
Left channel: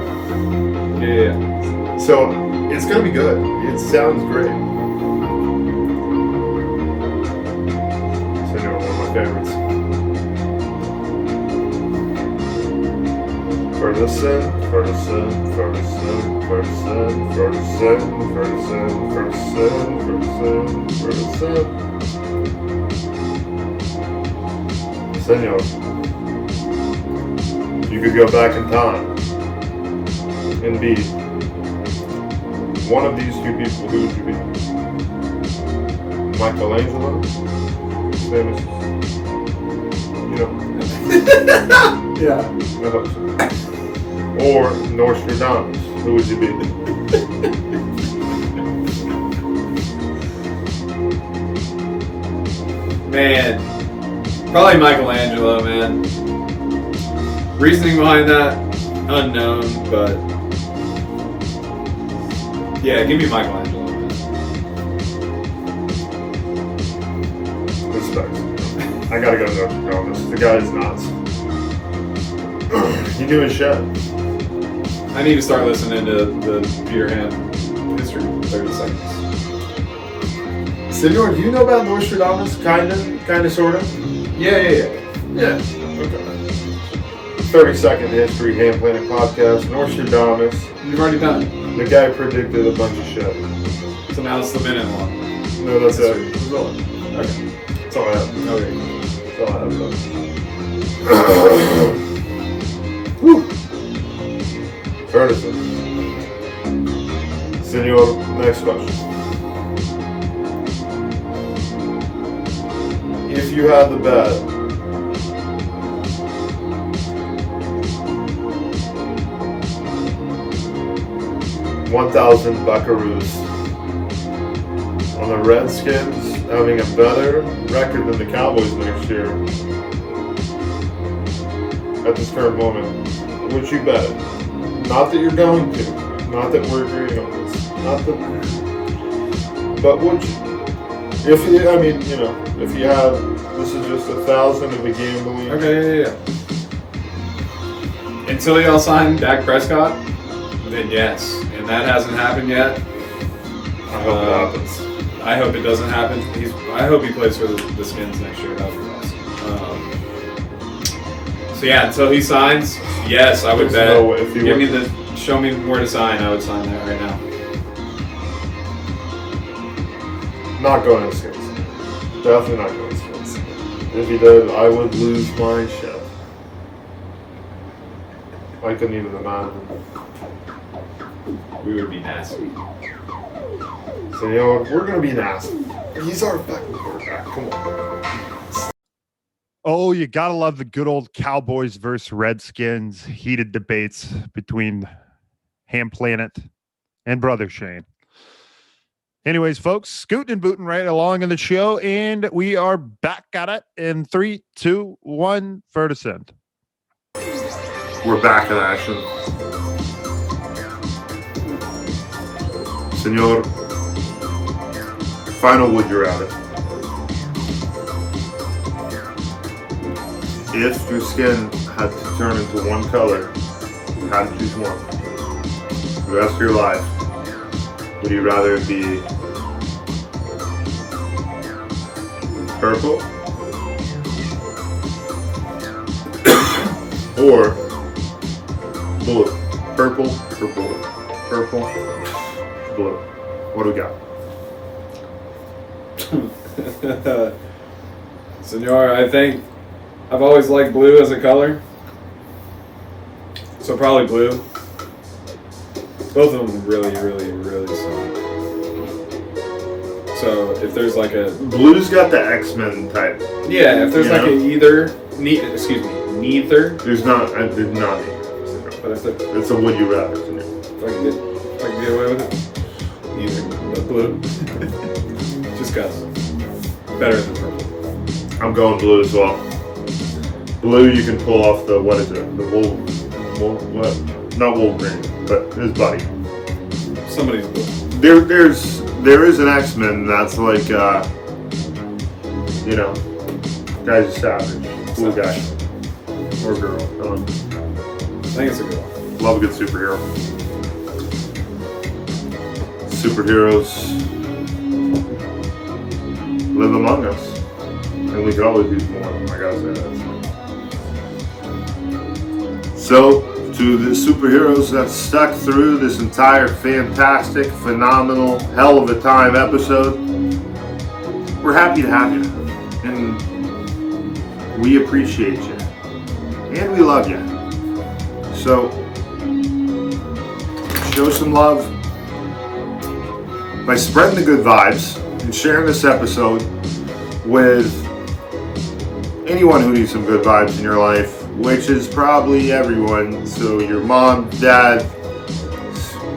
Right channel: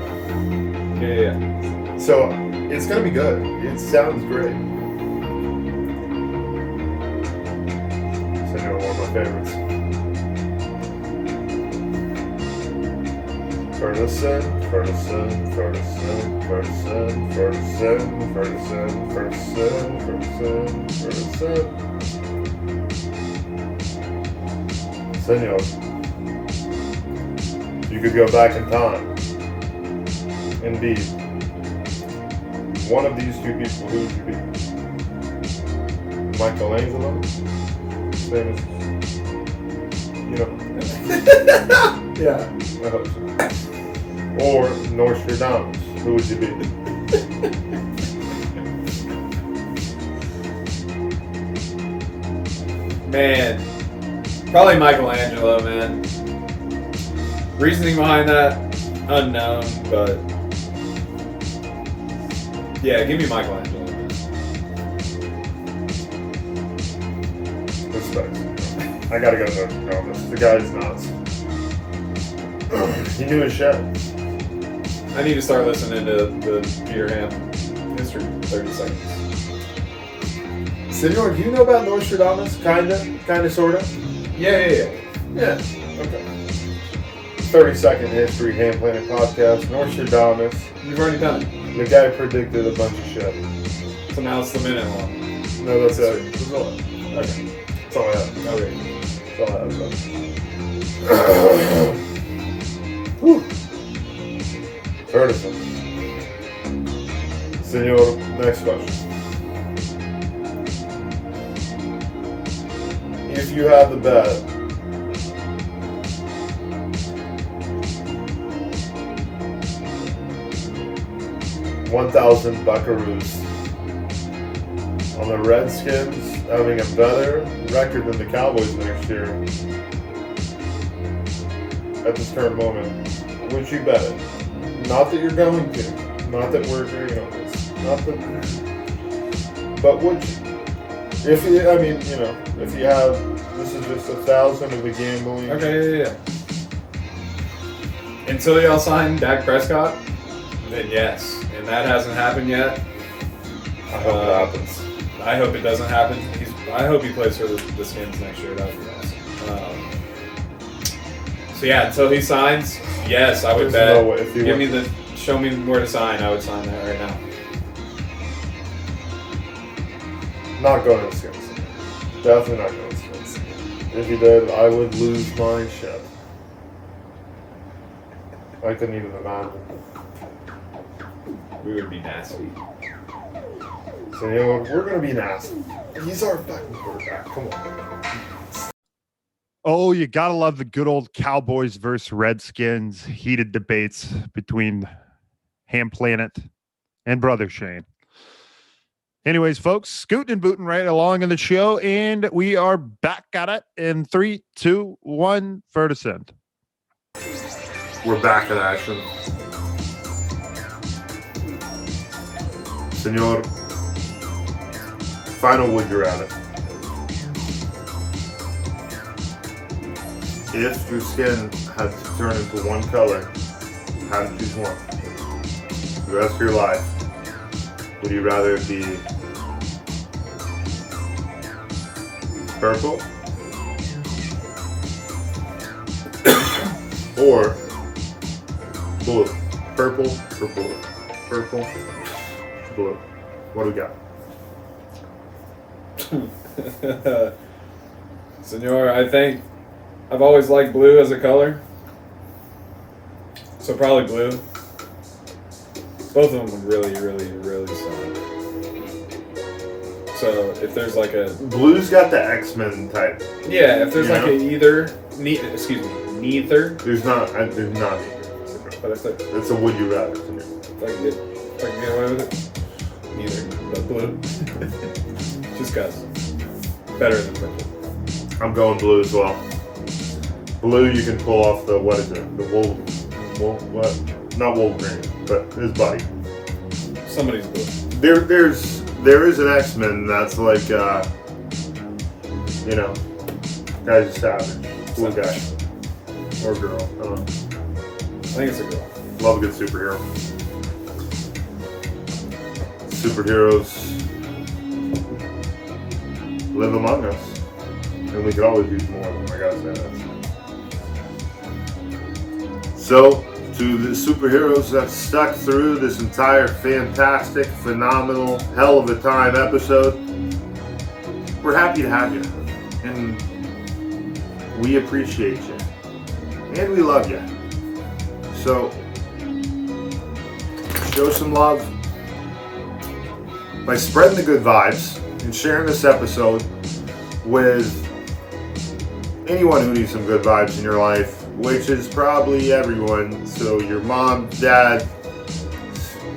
Yeah. So it's gonna be good. It sounds great. Senor, one of my favorites. Ferguson. Senor, you could go back in time and be one of these two people. Who would you be? Michelangelo? Famous, you know. Yeah. I hope so. Or Nostradamus. Who would you be? Man, probably Michelangelo, man. Reasoning behind that, unknown, but yeah, give me Michelangelo, man. Respect. I gotta go to Nostradamus. The guy is nuts. He knew his shit. I need to start listening to the Peter Hamm history in 30 seconds. Senor, do you know about Nostradamus? Kinda, sorta? Yeah. Yeah. Okay. 30-second history, Hamm Planet Podcast. Nostradamus. You've already done it. The guy predicted a bunch of shit. So now it's the minute one. No, that's it. Okay. That's all I have. Okay. That's all I have. Woo. Ferguson. Senor, next question. If you had the bet 1,000 buckaroos on the Redskins having a better record than the Cowboys next year. At this current moment, would you bet it? Not that you're going to. Not that we're agreeing on this. Not that. But would you? If you, I mean, you know, if you have, this is just 1,000 of a gambling. Okay, yeah. Until y'all sign Dak Prescott, then yes. And that hasn't happened yet. I hope it happens. I hope it doesn't happen. I hope he plays for the Skins next year. That would be awesome. So yeah, until he signs, yes, I would bet. No way. If you Show me where to sign. I would sign that right now. Not going to Skins. Definitely not going to Skins. If he did, I would lose my shit. I couldn't even imagine. We would be nasty. So you know what? We're gonna be nasty. He's our fucking quarterback. Come on. Oh, you gotta love the good old Cowboys versus Redskins heated debates between Hamm Planet and Brother Shane. Anyways, folks, scooting and booting right along in the show, and we are back at it in 3, 2, 1, for descent. We're back in action. Senor, final would you rather? If your skin had to turn into one color, you had to choose one. The rest of your life, would you rather it be purple or blue? Purple or blue? Purple, blue. What do we got? Senor, I think I've always liked blue as a color. So probably blue. Both of them really, really, really suck. So if there's like a... Blue's got the X-Men type. Yeah, if there's like a neither... neither. There's not. There's not. But if It's a would you rather. I can get away with it. Neither. But blue. Just cause. Better than purple. I'm going blue as well. Blue, you can pull off the, what is it? The what? Not Wolverine, but his buddy. Somebody's blue. There is an X-Men that's like, you know, guy's a savage. Blue guy. Or girl. I don't know. I think it's a girl. Love a good superhero. Superheroes live among us. And we could always use more. I gotta say that. So, to the superheroes that stuck through this entire fantastic, phenomenal, hell of a time episode, we're happy to have you. And we appreciate you. And we love you. So, show some love by spreading the good vibes and sharing this episode with anyone who needs some good vibes in your life, which is probably everyone. So your mom, dad,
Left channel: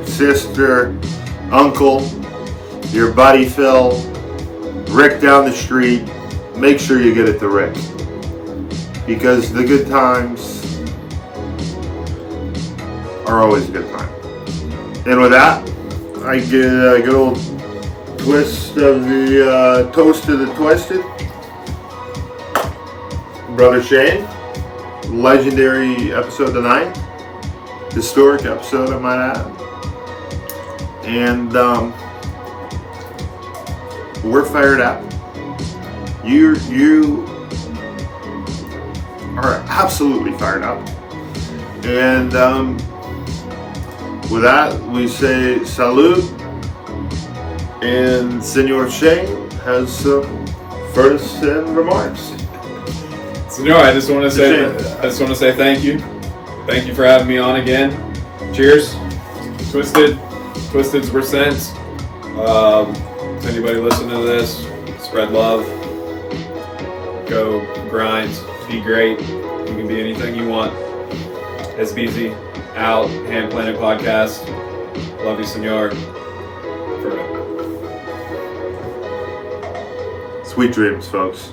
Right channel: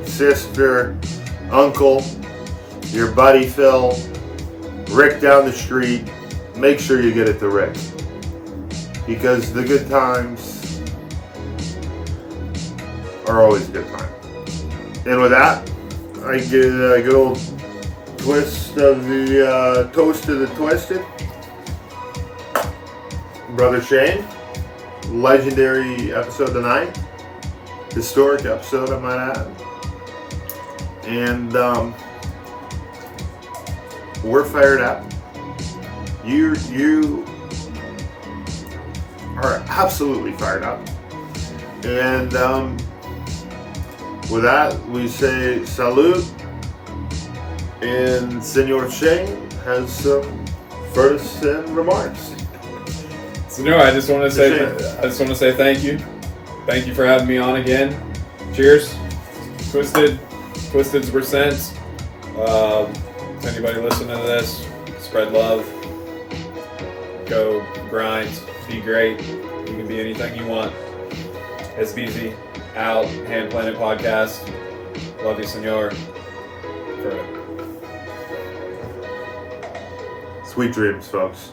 sister, uncle, your buddy Phil, Rick down the street. Make sure you get it to Rick, because the good times are always a good time. And with that, I get a good old twist of the toast to the twisted. Brother Shane, legendary episode tonight. Historic episode, I might add. And we're fired up. You are absolutely fired up. And with that, we say salute. And Senor Shane has some first remarks. So no, I just want to say thank you. Thank you for having me on again. Cheers. Twisteds were sent. To anybody listening to this, spread love. Go grind. Be great. You can be anything you want. SBZ out. Hamm Planet Podcast. Love you, senor. Sweet dreams, folks.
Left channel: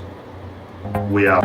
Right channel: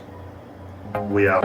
We out.